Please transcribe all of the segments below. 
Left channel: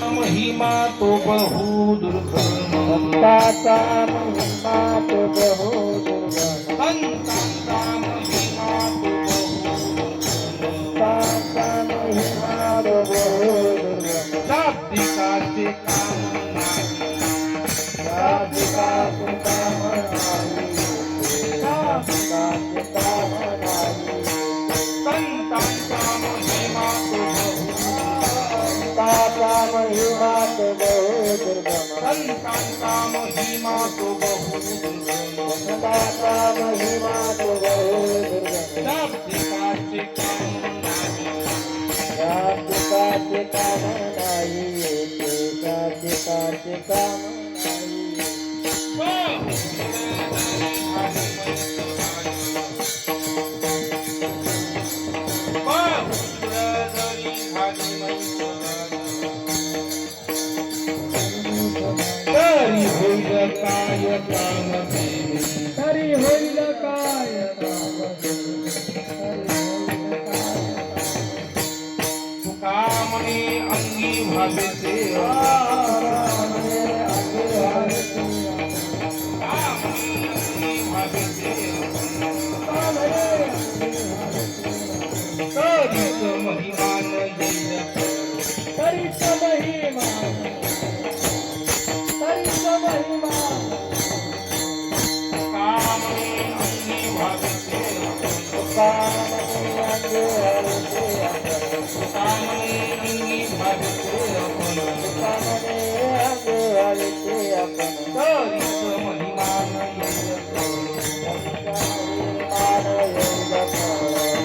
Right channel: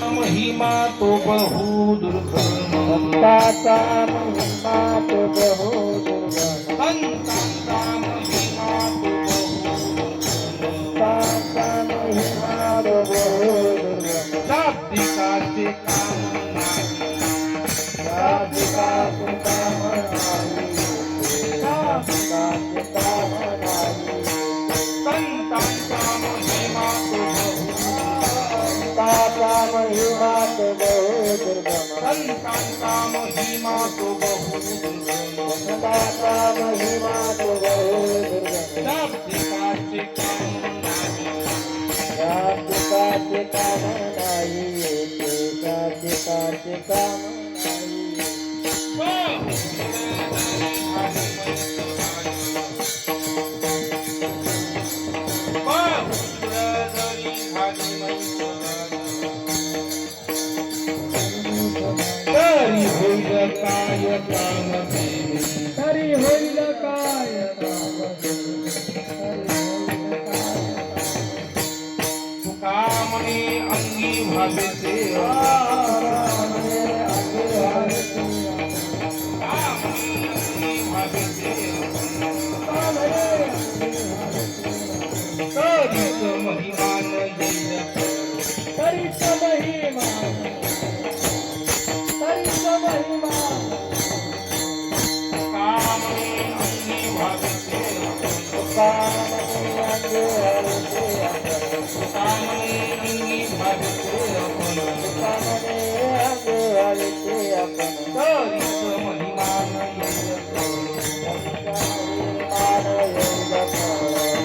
महिमा तो बहु दुर्गम, संताचा महिमा तो बहु दुर्गम, संतांचा महिमा तो बहु संताचा महिमा तो बहु दुर्गम, शाब्दिकाचे काम नाही, शाब्दिकाचे काम नाही, शाब्दिकाचे काम नाही, संतांचा महिमा तो बहु, संताचा महिमा तो बहु दुर्गम, संतांचा महिमा तो बहु दुर्गम, संताचा महिमा तो बहु दुर्गम, शाब्दिकाचे काम नाही, शाब्दिकाचे काम नाही, शाब्दिकाचे काम नाही. तरी होईल काय काम केले, तरी होईल काय तुका म्हणे अंगी भावे सेवा, तरीच महिमान येईल तरीच महिमा तरीच महिमा कामने अंगी भाविते कामने अंगे हरिते आपण कामने अंगी भाविते कामने अंगे हरिते आपण तरीच महिमान येईल मान येईल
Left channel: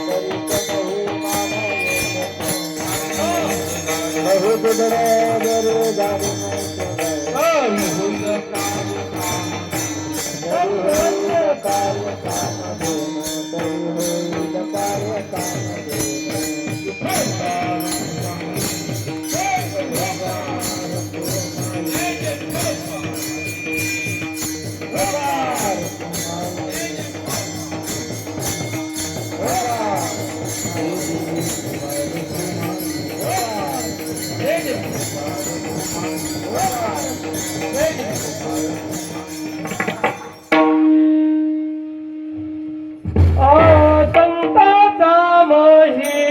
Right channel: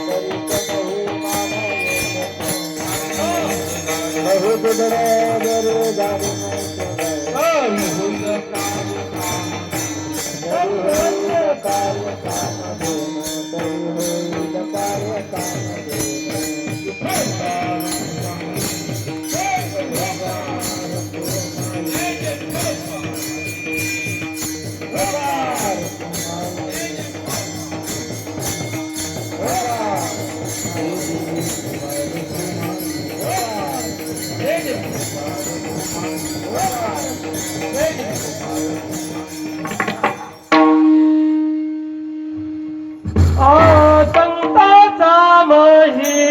तरीच महिमान येईल बहुत बरोबर गाडी तरी होईल कार्य काम तरी होईल कार्य काम संताचा महिमा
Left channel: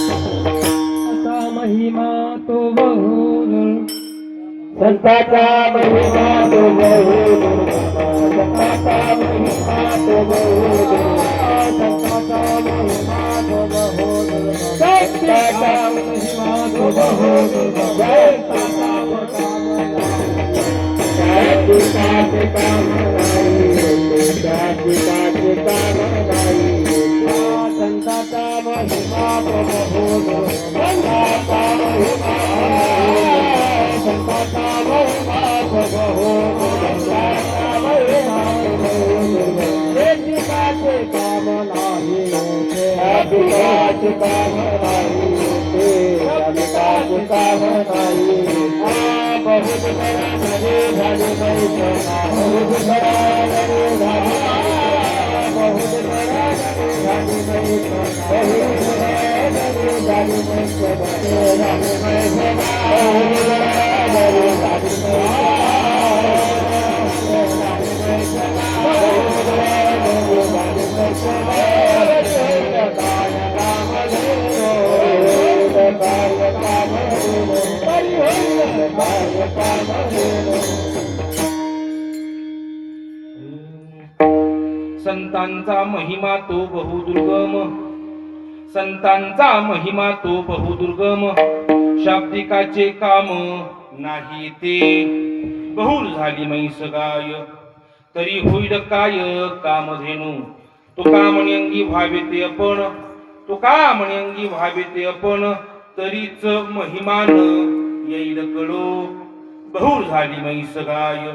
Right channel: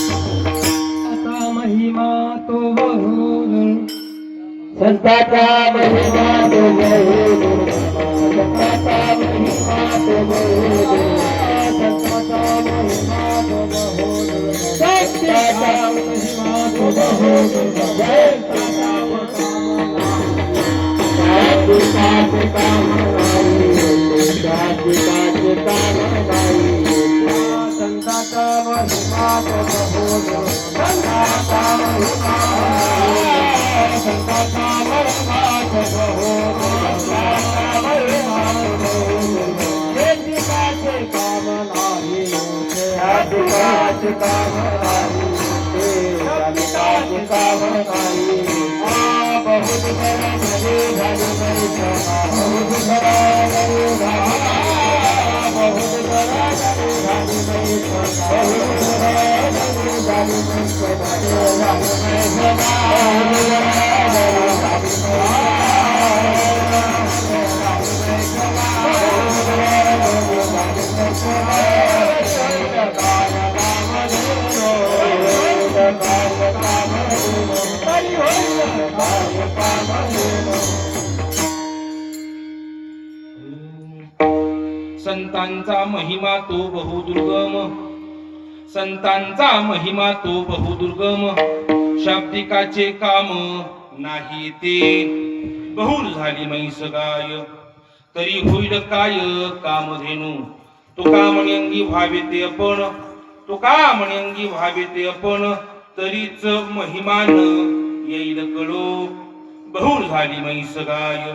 संताचा महिमा तो बहु संताचा महिमा तो बहु संताचा महिमा तो बहु संताचा महिमा तो बहु जय संताचा महिमा तो बहु संताचा महिमा संताचा महिमा तो बहु संताचा महिमा तो बहु एकाचे काम नाही होते एकाचे काम नाही होते एकाचे काम नाही बहुत बड़ा घरे घरे बैठा बहुत बड़ा घरे घरे बहुत बड़ा घरे घरे बैठा बहुत बड़ा घरे घरे बैठा बहुत बड़ा घरे घरे काय काम हेनो संतांचा महिमा तो बहुदुर्गम, संतांचा महिमा तो बहुदुर्गम, शाब्दिकाचे काम नाही ते, बहुल झाली म्हैस गाय तरी होईल काय कामधेनू, तुका म्हणे अंगी व्हावे ते आपण, तुका म्हणे अंगी व्हावे ते आपण, तरीच महिमान येईल कळो, बहुल झाली म्हैस गाय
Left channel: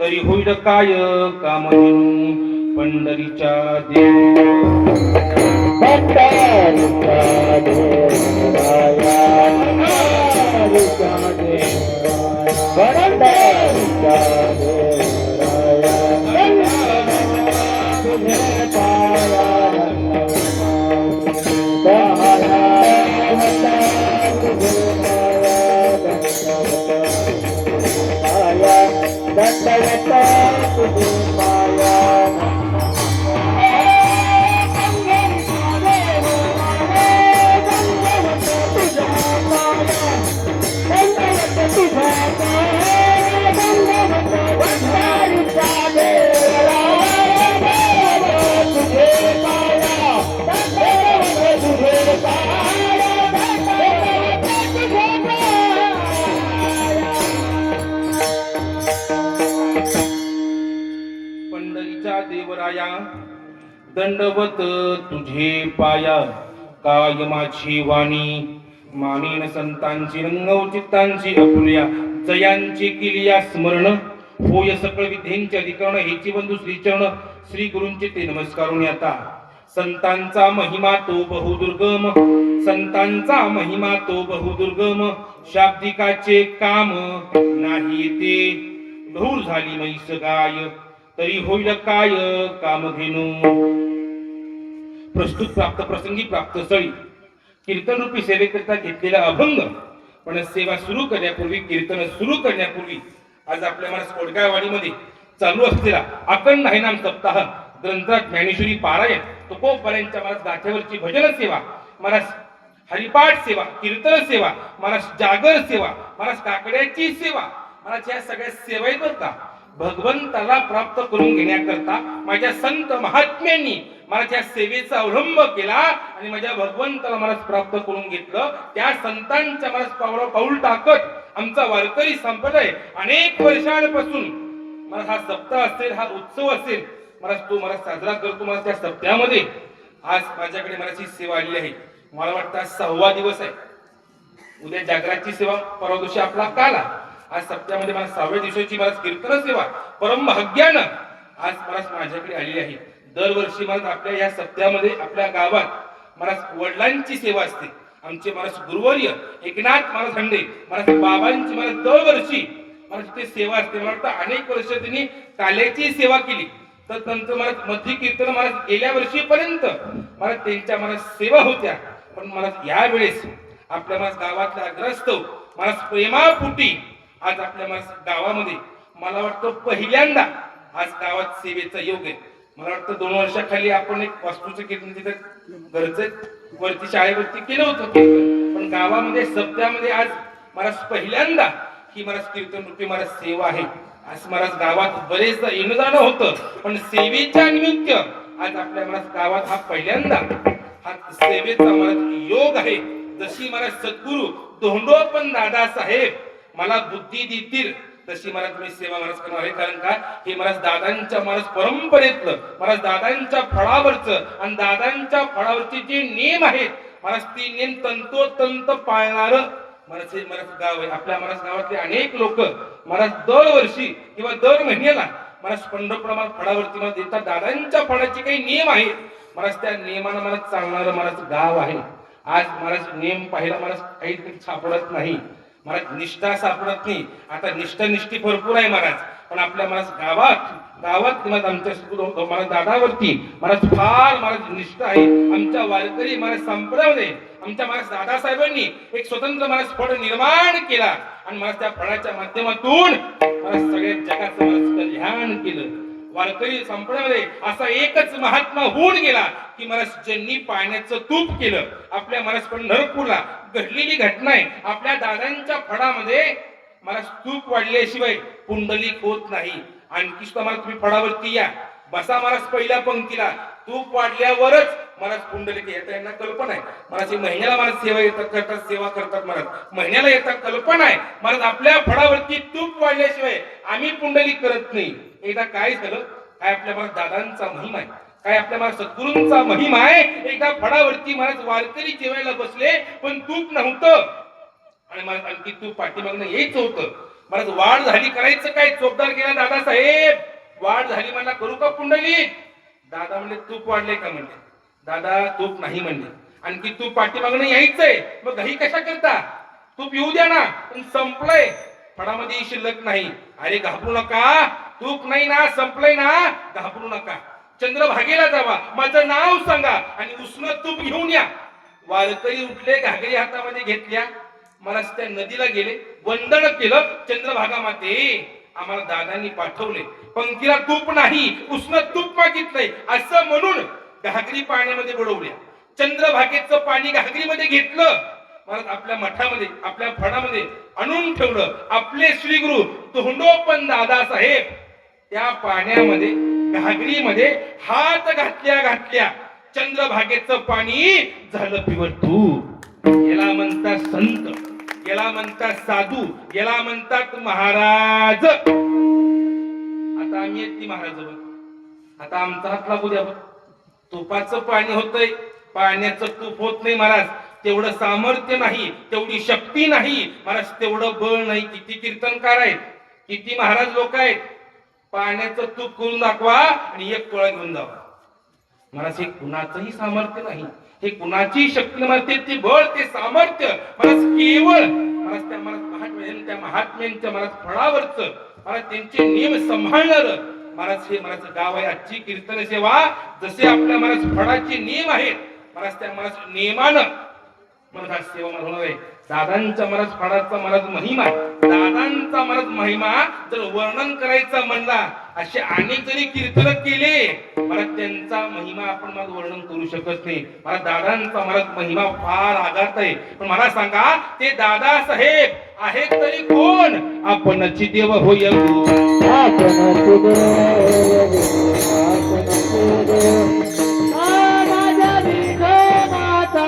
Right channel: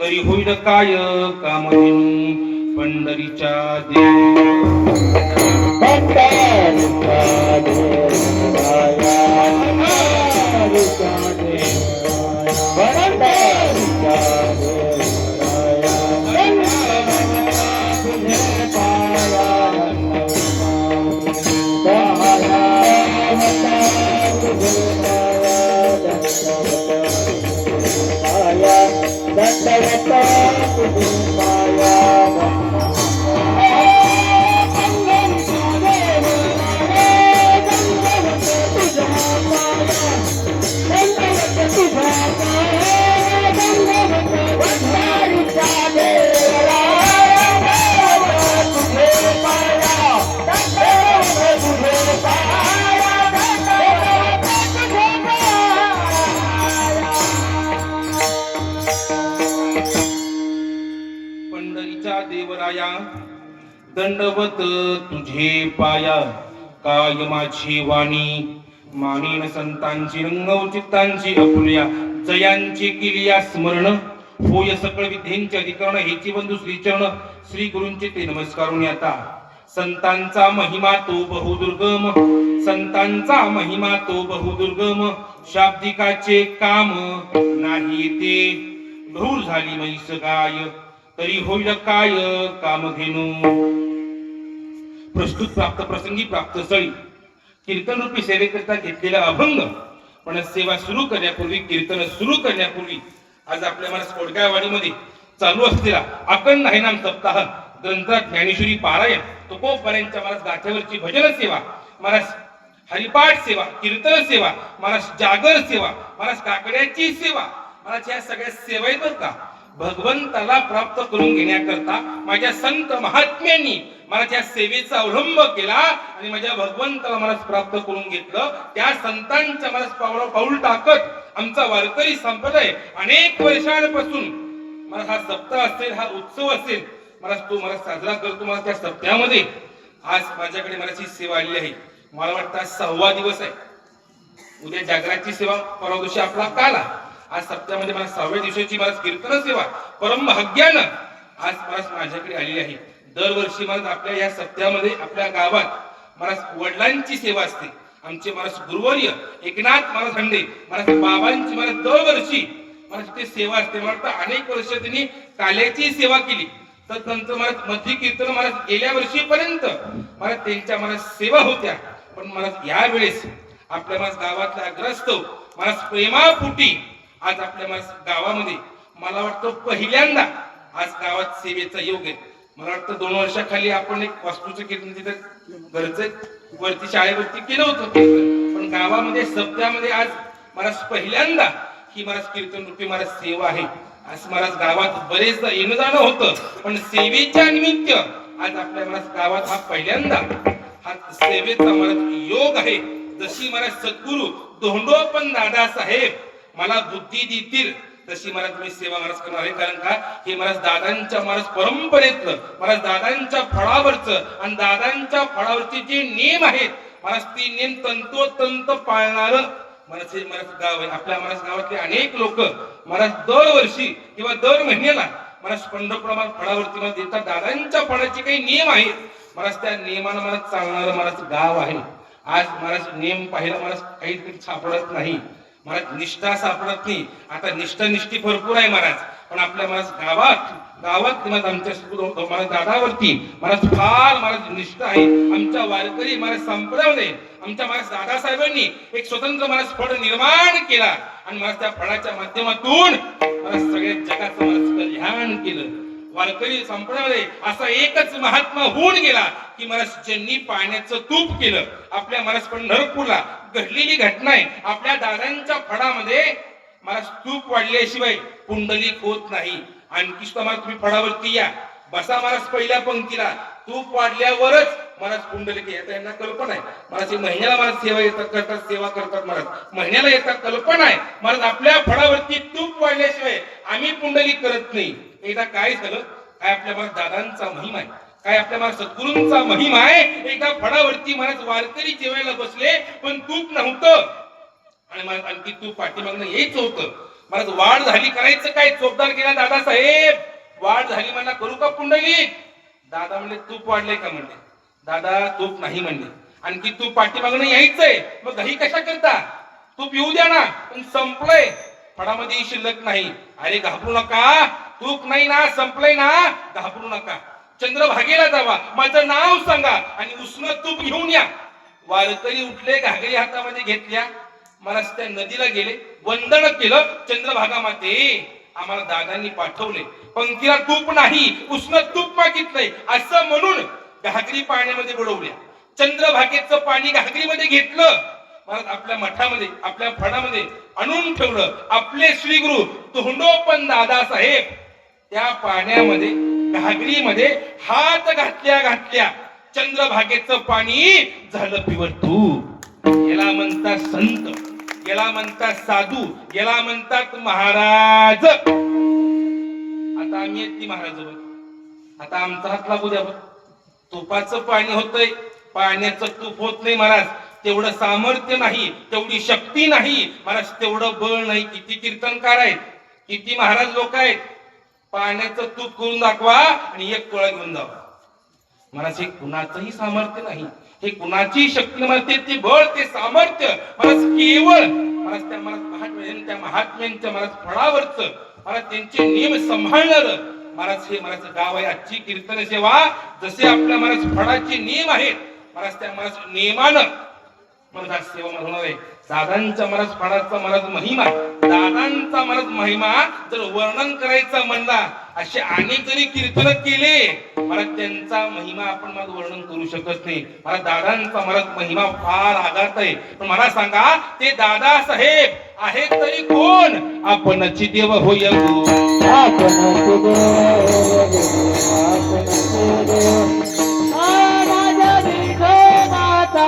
तरी होईल काय कामधेनू, पंढरीच्या पंढरीच्या देवराया पंढरीच्या देवराया तुझे पाया पंढरीच्या देवराया दंडवत तुझे पाया, काय माझी वाणी मानेन संतांची रंगव चित्तांची अपुल्या, जयांची किलिया स्मरण होय सकळ विद्येंचे अधिकरण, हेची बंधू श्रीचरण श्री गुरूंचे ते नमस्कारून आता. संतांचा महिमा तो बहुदुर्गम, संतांचा महिमा तो बहुदुर्गम, शाब्दिकाचे काम नाही ते, बहुल झाली म्हैस गाय तरी होईल काय कामधेनू. प्रस्तुत प्राप्त प्रसंगी प्राप्त स्थळी कीर्तन रूपी सेवेकरिता घेतलेला अभंग. पण सेवा सुरू करण्यापूर्वी, कीर्तन सुरू करण्यापूर्वी आज आपल्या मला कोडगाववाडीमध्ये चालू असलेला अखंड हरिनाम सप्ताह ग्रंथात ज्ञानेश्वरी पारायण, तुकोबरायांच्या महाराज गाथ्यावरची भजन सेवा, महाराज हरिपाठ सेवा, कीर्तन सेवा, महाराज जागर सेवा, महाराज काकड्याची सेवा, महाराज या सगळ्या सेवा आहेत बरं का. भगवंताला प्राप्त करून घेण्याकरता माझ्या संत महात्म्यांनी मला त्या सेवेचा अवलंब केला आणि माझ्या भगवंताला मला प्राप्त करून घेतलं. त्या संतांच्या मला पाऊल टाकत आमचा वारकरी संप्रदाय अनेक वर्षांपासून मला हा सप्ताह असेल, हा उत्सव असेल, मला तो मला साजरा करतो. मला त्या सप्त्यामध्ये आज माझ्याकडे मला ही सेवा आली आहे. मला वाटतं आज 6वा दिवस आहे. उद्या जागराची सेवा, परवा दिवशी आपला काला, आज सप्त्यामध्ये मला 6व्या दिवसाची मला कीर्तन सेवा परम भाग्यानं आज मला माझ्याकडे आलेली आहे. दरवर्षी मला आपल्या या सप्त्यामध्ये आपल्या गावात मला वडिलांची सेवा असते. आमचे मला गुरुवर्य एकनाथ महाराज हंडे मला बाबांची मला दरवर्षी मला तिथे सेवा असते. मला वाटतं अनेक वर्ष त्यांनी काल्याची सेवा केली. तर नंतर मला मध्य कीर्तन मला गेल्या वर्षीपर्यंत मला त्यांच्या मला सेवा होत्या. पण मला या वेळेस आपल्या मला गावातल्या अग्रस्त मला प्रेमापुटी आज आपल्या मला गावामध्ये मला वाटतं पहिल्यांदा आज गावात सेवेचा योग आहे. मला वाटतं 2 वर्षाखाली आपण एक वास्तूचं कीर्तन तिथं घरचं वरती शाळेवरती केलं होतं कीर्तन. पण गावामध्ये सप्त्यामध्ये आज मला पहिल्यांदा ही मला कीर्तन रूपी मला सेवा आहे. आज मला गावात बरेचदा येणं जाणं होतं, पण सेवेच्या निमित्त आज आपल्या मला गावात हा पहिल्यांदा हा सेवेचा मला योग आहे. जशी मला सद्गुरु धोंडोपंत दादा साहेब मला बुद्धी देतील तशी मला तुम्ही सेवा महाराज करणार आहे. कारण का हे महाराज दादांच्या महाराज परंपरेतलं, महाराज दादांच्या फळावरचं आणि दादांच्या फळावरचे जे नियम आहेत महाराज ते नियम तंतोतंत पाळणार महाराज हे महाराज गाव आहे. आपल्या महाराज गावातले अनेक लोक महाराज दरवर्षी किंवा दर महिन्याला महाराज पंढरपूर फळावरती मला देतात. दादांच्या फळाचे काही नियम आहेत महाराज, त्या नियमानं मला चालणारं महाराज गाव आहे. आज महाराज नियम पाहिला महाराज काही सापडत नाही, महाराज निष्ठा सापडत नाही. आता निष्ठी भरपूर आहे महाराज, पण आपल्या महाराज गावात आमच्या महाराज दादावरती महाराज फार महाराज निष्ठा आहे. आमच्या वारकरी महाराज संप्रदायामध्ये आमच्या महाराज दादासाहेबांनी एक स्वतंत्र महाराज फळ निर्माण केला आणि महाराज त्या फळाच्या माध्यमातून महाराज सगळ्या जगाचं महाराज कल्याण केलं. वारकरी संप्रदायामध्ये असा एकच महात्मा होऊन गेला की महाराज ज्यांनी पाण्याचं तूप केलं. आपल्या महाराज पंढरपूरला घडलेली घटना आहे. आपल्या दादांच्या फळामध्ये मला स्तूप वाढल्याशिवाय पुंडलिक होत नाही. आणखी सुद्धा मला तुम्ही फळावरती या, बसा महाराज पहिल्या पंक्तीला. तूप वाढल्यावरच मला पुंडलिक येतात. यांना कल्पना आहे महाराज, महिन्याला मला सेवा येतात करतात, सेवा करतात महाराज, महिन्याला येतात. कल्पना आहे महाराज, आपल्या फळावरती तूप वाढल्याशिवाय आम्ही पुंडलिक करत नाही. एकदा काय झालं, काय आपल्या महाराज दादांचा महिमा आहे, काय आपल्या महाराज सद्गुरूंचा महिमा आहे. एकदा फळावरती महाराज वारकरी जेवायला बसले, पण तूप नव्हतं. आणि महाराज आणखी तूप पाठीमागनं यायचं होतं. महाराज वाढ झाली, करायचं काय? चोपदार गेला, दादा साहेब वाढ झाली म्हणला, करू का पुंडलिक? दादा म्हणले तूप वाढले का? म्हणले दादा तूप नाही म्हणले. आणखी तूप पाठीमागनं यायचंय, मग घाई कशा करता? तूप येऊ द्या ना, पण संपलंय, फळामध्ये शिल्लक नाही. अरे घाबरू नका, तूप नाही ना, संपलंय ना, घाबरू नका. चंद्रभागेला जावा, माझं नाव सांगा आणि उष्ण तूप घेऊन या. वारकरी उठले, घागरी हातामध्ये घेतल्या, मला त्या नदीला गेले, वंदन केलं. चंद्रभागा माते, आम्हाला दादांनी पाठवले, पंक्तीला तूप नाही, उष्ण तूप मागितलंय असं म्हणून घागरी पाण्यामध्ये बुडवल्या. चंद्रभागेचं पाणी घागरीमध्ये घेतलं, महाराज आपल्या मठामध्ये, आपल्या फणामध्ये आणून ठेवलं. आपले श्री गुरु तोंडोपंत दादा साहेब त्या पाण्यामध्ये, घागरीमध्ये हात घातल्या चंद्रभागेचं पाणी झालं प्युअर तूप. याला म्हणतात संत, याला म्हणतात साधू, याला म्हणतात महाराज. आता आम्ही आहेत की महाराज, आता आमचा हात लागू द्या. तुपाचं पाणी होतंय, पाण्याचं तूप होत नाही महाराज. तेवढं सामर्थ्य नाही, तेवढी शक्ती नाही महाराज, तेवढं बळ नाही. किती कीर्तनकार आहेत, किती महाराज लोक आहेत, पाण्याचं तूप करून दाखवा आणि एक टोळा घेऊन जावा महाराज. हे कुणाचंही सामर्थ्य नाही, हे कुणाची शक्ती नसते. ते बळ, ते सामर्थ्य महाराज केवळ महाराज त्या महाराज त्या महात्म्यांच्या महाराज फळावरचं महाराज त्यांचे नियम सांभाळणार महाराज हे महाराज गाव आहे. आजची कीर्तन सेवा जसे आपल्या महाराज फळाचे नियम आहेत महाराज, त्या महाराज नियमानं महाराज सेवा होणार आहे. दादांचा महाराज फळाचा महाराज महिमा, दादांचा महाराज महिमा जर वर्णन करायचं म्हणला, असे अनेक जरी कीर्तन केले महाराज, त्यांचा महिमा आपण महाराज वर्णन करू शकत नाही. महाराज दादांचा महाराज महिमा फार आघात आहे. पण मला सांगा, ते दादा साहेब आहेत तरी कोण? आपणची देव होय, आपणची देव, आपणची देव. माझ्या विठोबाचा,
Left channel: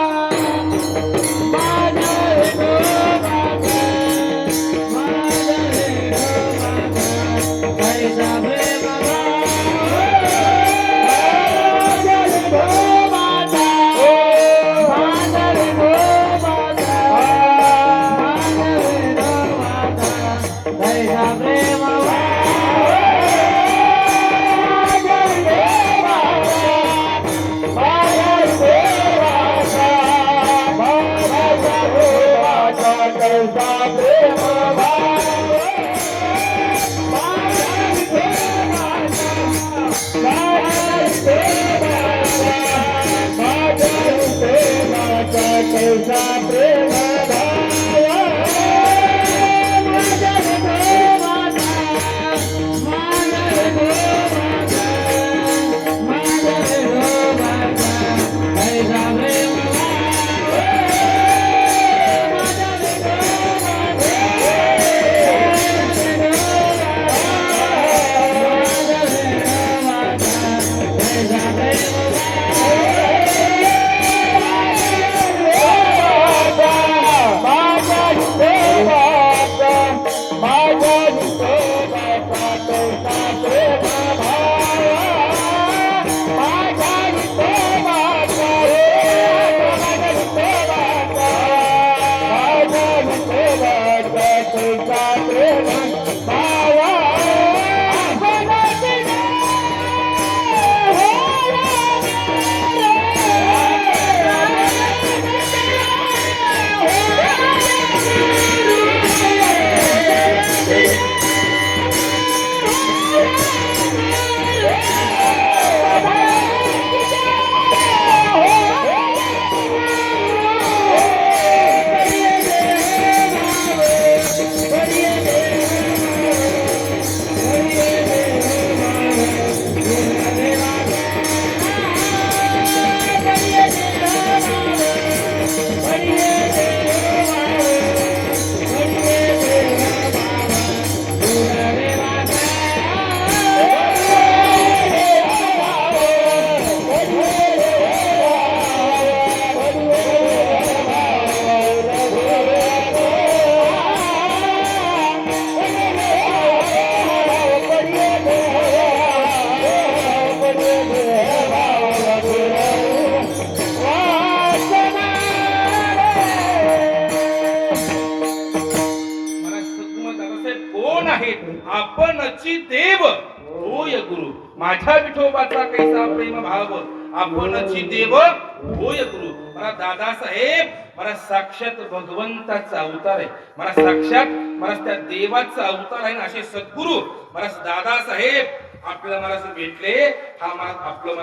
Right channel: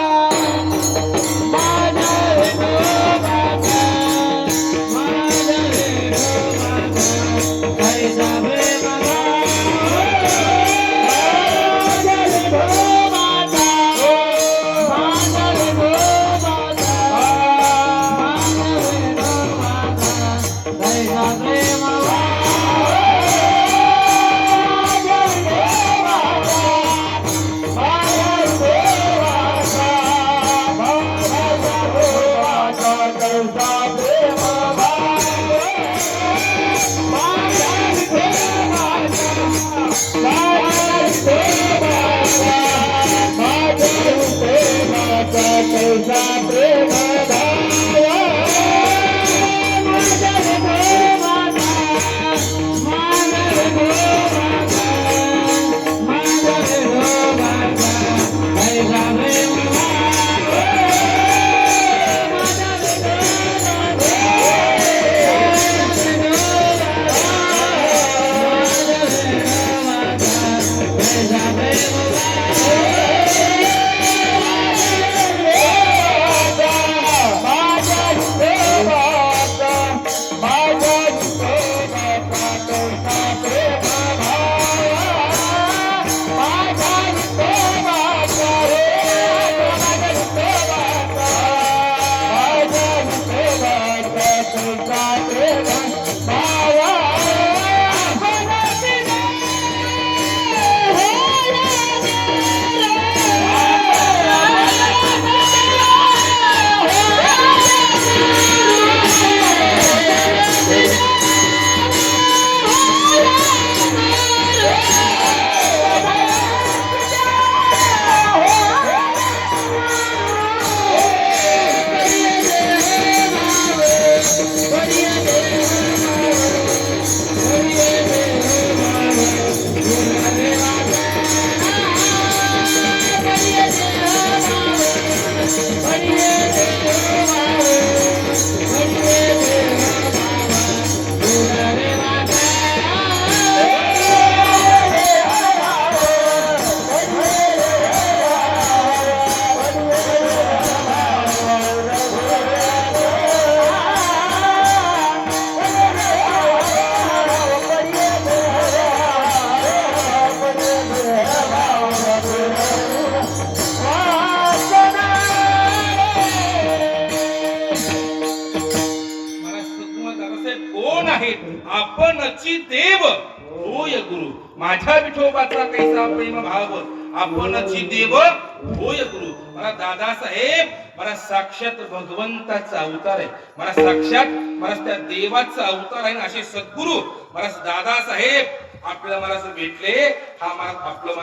आपणची देव होय गुरु. माझ्या विठोबाचा कैसा प्रेम भाव आपणची देव होय गुरु. मला दादासाहेब मला साक्षात भगवंताचा अवतार आहे. मला साक्षात मला त्या देवाचा अवतार आहे. असे सद्गुरु मला दादासाहेब आपल्याला मला भेटले. हा मला आपलं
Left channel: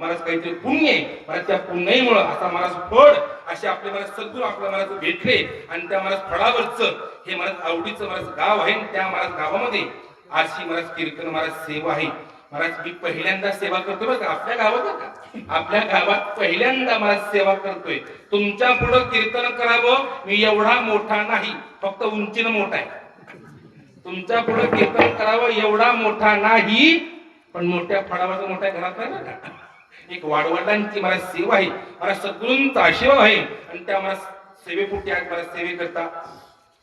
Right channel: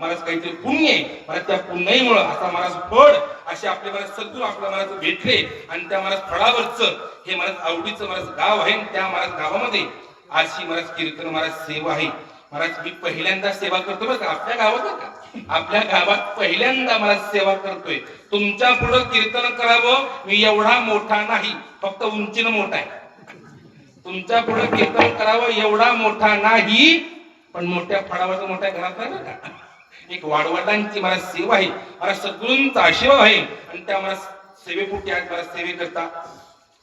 मला काहीतरी पुण्य आहे. मला त्या पुण्याईमुळे असा मला फळ असे आपले मला सद्गुरु आपल्या मला भेटले. आणि त्या मला फळावरच हे मला आवडीचं मला गाव आहे. त्या मला गावामध्ये अशी मला कीर्तन मला सेवा आहे. महाराज मी पहिल्यांदा सेवा करतो बरं का आपल्या गावात का आपल्या गावात पहिल्यांदा मला सेवा करतोय. तुमच्या पुढे कीर्तन करावं मी एवढा मोठा नाही, फक्त उंचीनं मोठा आहे. तुमच्या पुढे कीर्तन करावं एवढा मोठा नाही, पण मोठ्या फळावाचा मोठ्या घरात नाही बरं का. एक वाडवडिलांची मला सेवा आहे. मला सद्गुरूंचा आशीर्वाद आहे. आणि त्या मला सेवेपुटी आज मला सेवे करता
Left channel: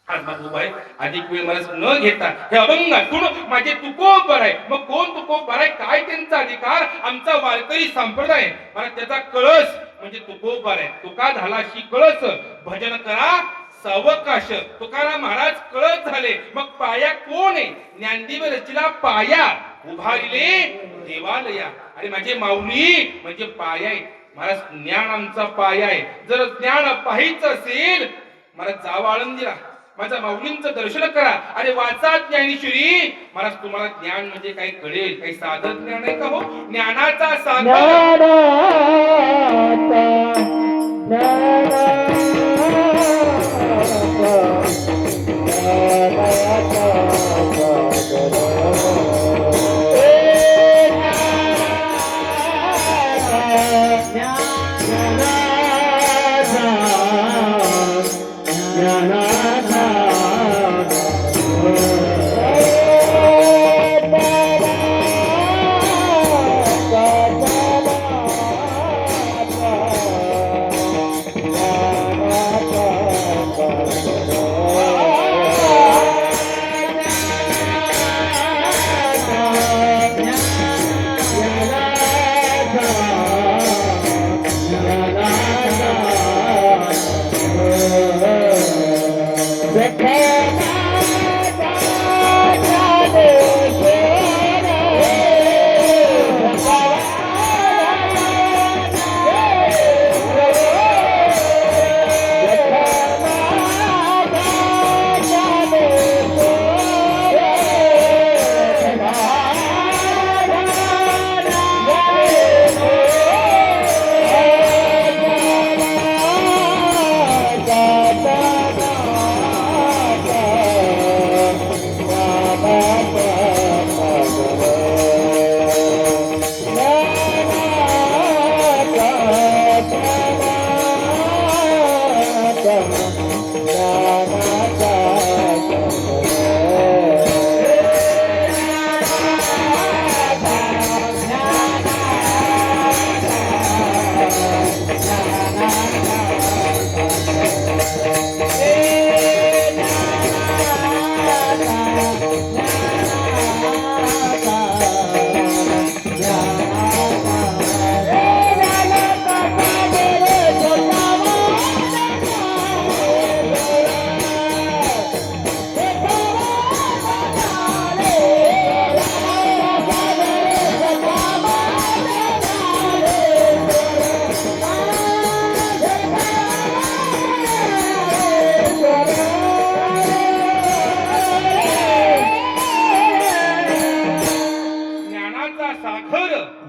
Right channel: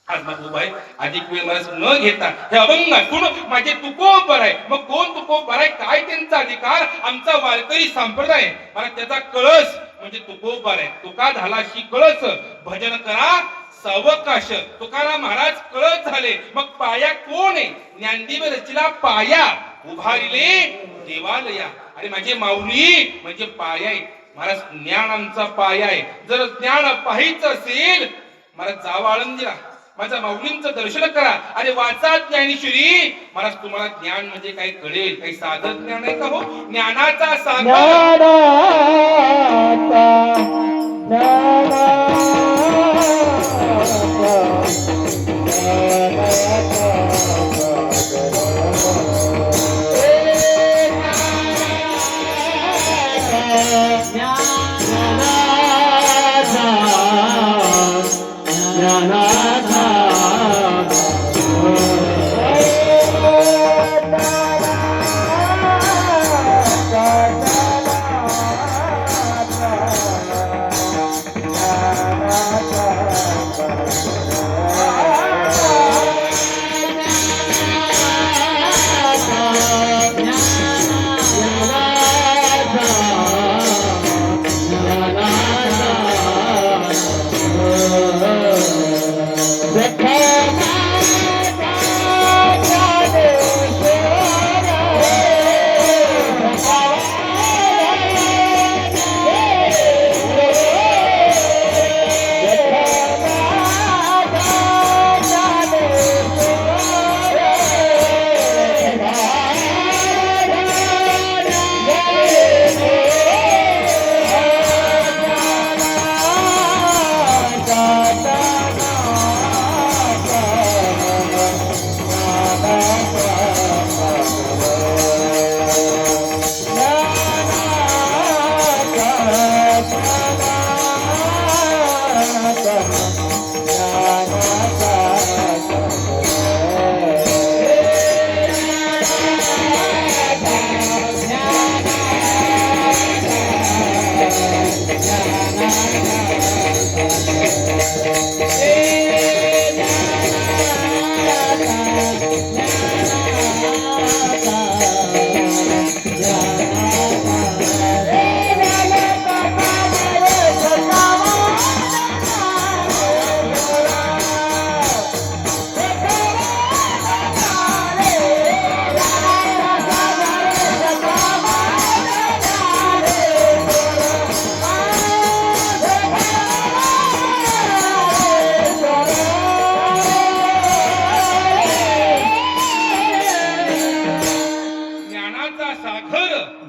आज मला उभा आहे. अधिक वेळ मला न घेता हे अभंगातून माझे तुकोबर आहे. मग कोण तुकोबर आहे, काय त्यांचा अधिकार, आमचा वारकरी संप्रदाय मला त्याचा कळस म्हणजे तुकोबर आहे. तुका झालाशी कळस भजन करा सावकाश. तुकाराम महाराज कळस झाले. मग पाया कोण आहे, ज्ञानदेव रचिला पाया उभारिले देवालया. आणि माझे माऊली म्हणजे पाया आहे. महाराज ज्ञान आमचा पाया आहे. जर ज्ञान पाहायचं असेल मला जावा आळंदीला, माझ्या माऊलींचं दर्शन करा. अरे वाचा ज्ञानेश्वरी. महाराज तुम्हाला ज्ञान म्हणजे काही कळेल. काही साधन ज्ञान आहे का हो, ज्ञानाचा सागर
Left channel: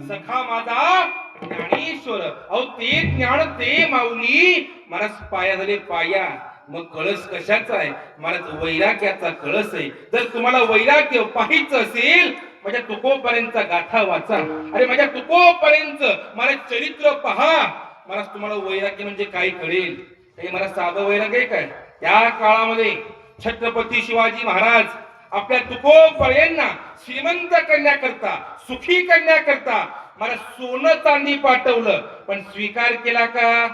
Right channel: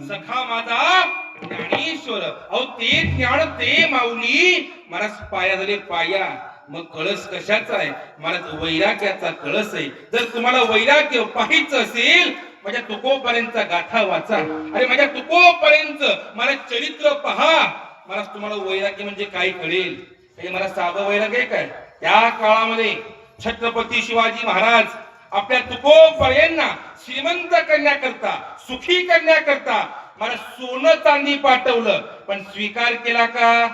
सखा माझा ज्ञानेश्वर. अहो ते ज्ञान ते माऊली मला पाया झाले पाया. मग कळस कशाचा आहे, मला वैराग्याचा कळस आहे. जर तुम्हाला वैराग्य पाहायचं असेल माझ्या तुकोपर्यंतचा गाथा वाचा. अरे माझ्या तुकोपर्यंत मला चरित्र पहा. मला तुम्हाला वैराग्य म्हणजे काय कळेल. हे मला साधं वैराग्य काय. त्या काळामध्ये छत्रपती शिवाजी महाराज आपल्या तुकोपर्यंत श्रीमंत करण्याकरता सुखी करण्याकरता मला सोनं चांदी पाठवलं. पण स्वीकार केला का,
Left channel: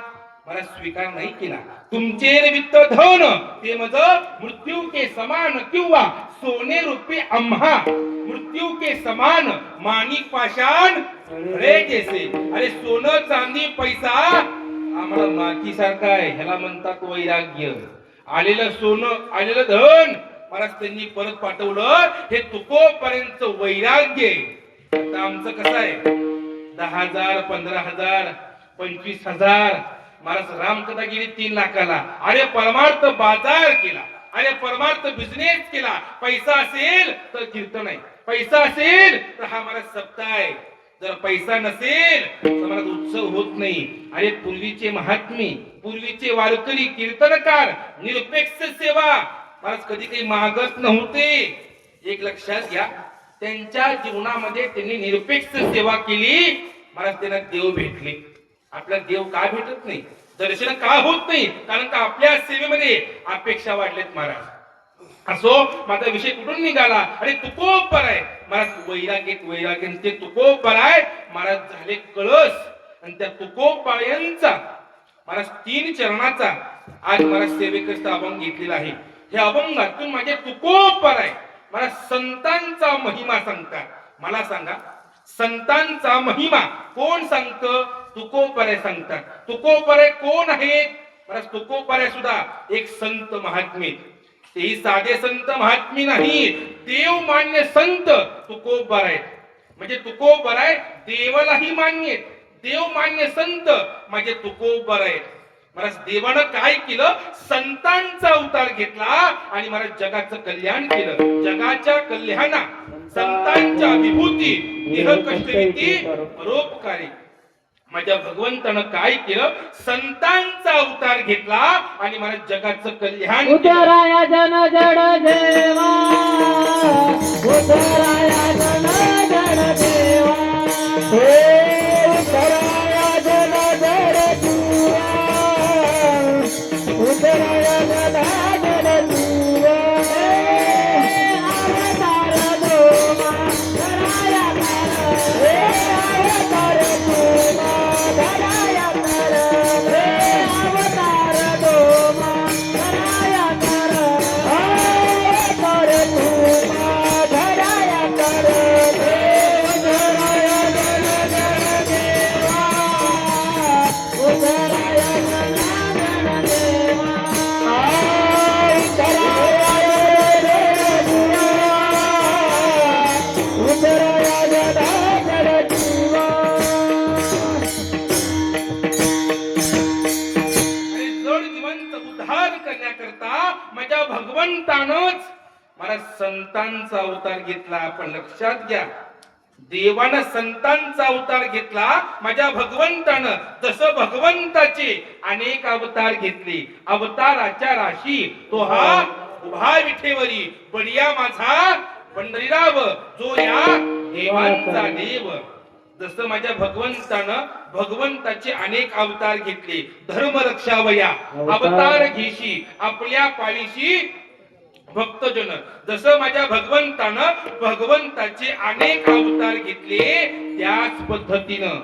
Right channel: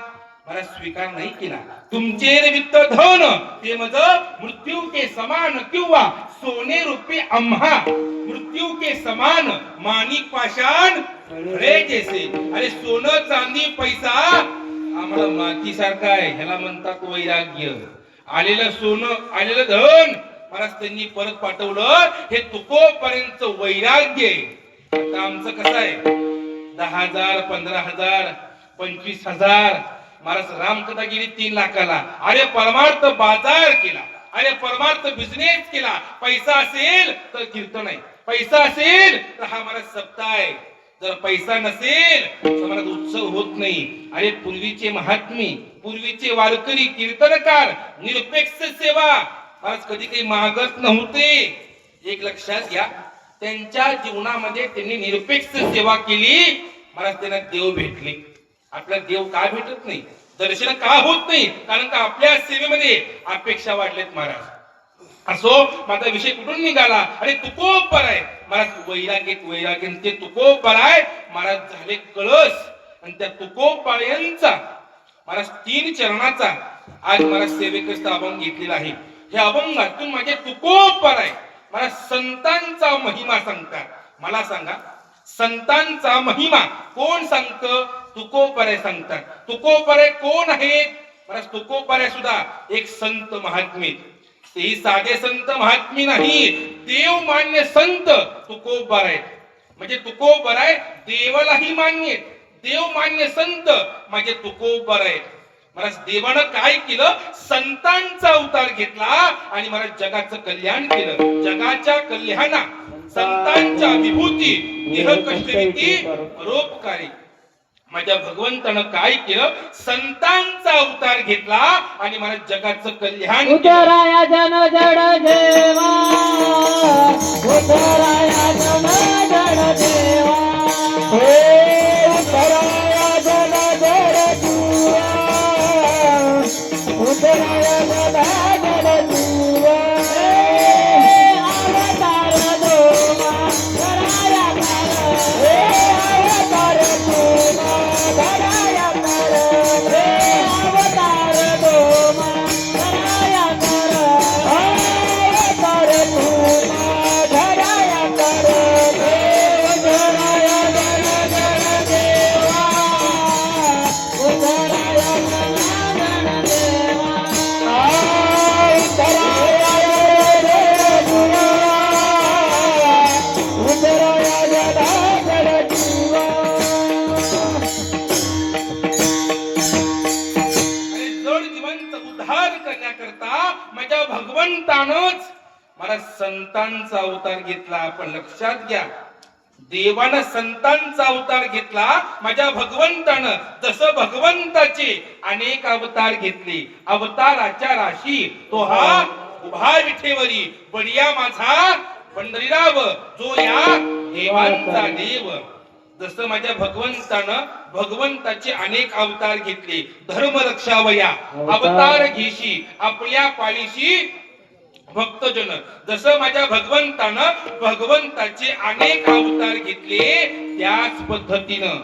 मला स्वीकार नाही केला. तुमचे वित्त धन ते मज मृत्यू के समान किंवा सोने रूपी आम्हा मृत्यू के समान माणिक पाषाण रे जैसे. अरे सोनं चांदी पैसा आम्हाला माती सारखा आहे. ह्याला म्हणतात वैराग्य. आलेलं सोनं आलेलं धन महाराज त्यांनी परत पाठवलं. हे तुकोपर्यंत वैराग्य आहे. आता आमचं कसं आहे, 10,000 15,000 25,000. महाराज रामकथा गेली 3 लाखाला. अरे परमार्थ बाजार केला, अरे परमार्थ बिझनेस केला. पैसा असेल तर कीर्तन आहे, पैसा असेल तर हा महाराज सप्ताह आहे. जर पैसा नसेल तर महाराज उत्सव होत नाही. अरे पूर्वीचे महात्मे, पूर्वीचे वारकरी कीर्तनकार, निरपेक्ष सेवा महाराज कधी काही मागत नव्हते. एक लक्षात घ्या, त्यांच्या जीवनामध्ये त्यांनी निरपेक्ष सेवा केली. महाराज त्यांना देव भेटले. आपल्याला देव का भेटत नाही, दर्शन का होत नाही? कारण का आपल्या सेवेमध्ये अपेक्षा वाढलेत महाराज. असो, माझा विषय कुठून निघाला? अरे तुकोपर आहे महाराज, वैराग्य ते तुकोपर आहे महाराज. झाले कळस आणि त्या तुकोपायांचा महाराज 3 चरणाचा आज महाराज सेवेकरता अभंग घेतलेला आहे. हे अभंगातून माझे तुकोपर आहे महाराज. संतांचा महिमा सांगतात. मला सांगा, संतांचा महिमा कोण सांगतं? तुकोपरे सांगतात. तुकोपरे कोण आहेत महाराज? तुकोपरे सुद्धा एक संत महात्मे. तेही साधे संत महात्मे नाही, देव मान्य संत तुकोबर आहेत. म्हणजे तुकोबर आहे, देवालाही मान्य, देव मान्य संत म्हणजे तुकोबर आहेत. महाराज देवानं काय केलं? संतांचा अवतार घेतला आणि महाराज जगाचं कल्याण केलं. जगाच्या कल्याणा संतांच्या विभूती देह कष्टरीती परोपकारी. माझ्या भगवंतानं काय केलं? संतांचा अवतार घेतला आणि मला जगाचं कल्याण. उतराया जन जड देवा, उतराया जन जड देवा, उतराया जन जड जीवा, उतराया जन जड जीवा. अवतार दोमा कराया कर, अवतार दोमा कराया कर, अवतार दोमा कराया कर, अवतार दोमा कराया कर. उतराया जन जड देवा, उतराया जन जड देवा, उतराया जन जीवा, उतराया जन जीवा. उद्धार करण्याकरता माझ्या भगवंतानच मला संतांचा अवतार घेतला. आपण लक्षात घ्या, देवानं संतांचा अवतार घेतला. माझ्या भगवंतानं जसं भगवंताचे अनेक अवतार घेतले, अवताराच्या राशी तो हा उभा विठेवरी बडिया माझा पंढरीराव, जो या देवांचा देव. जसं माझ्या भगवंतानं भगवंताचे अनेक अवतार घेतले. धर्म रक्षावया अवतार घेशी आपल्या पाळीशी भक्तजन. जसं माझ्या भगवंतानं भगवंताचे अनेक अवतार घेतले, त्याच पद्धतीनं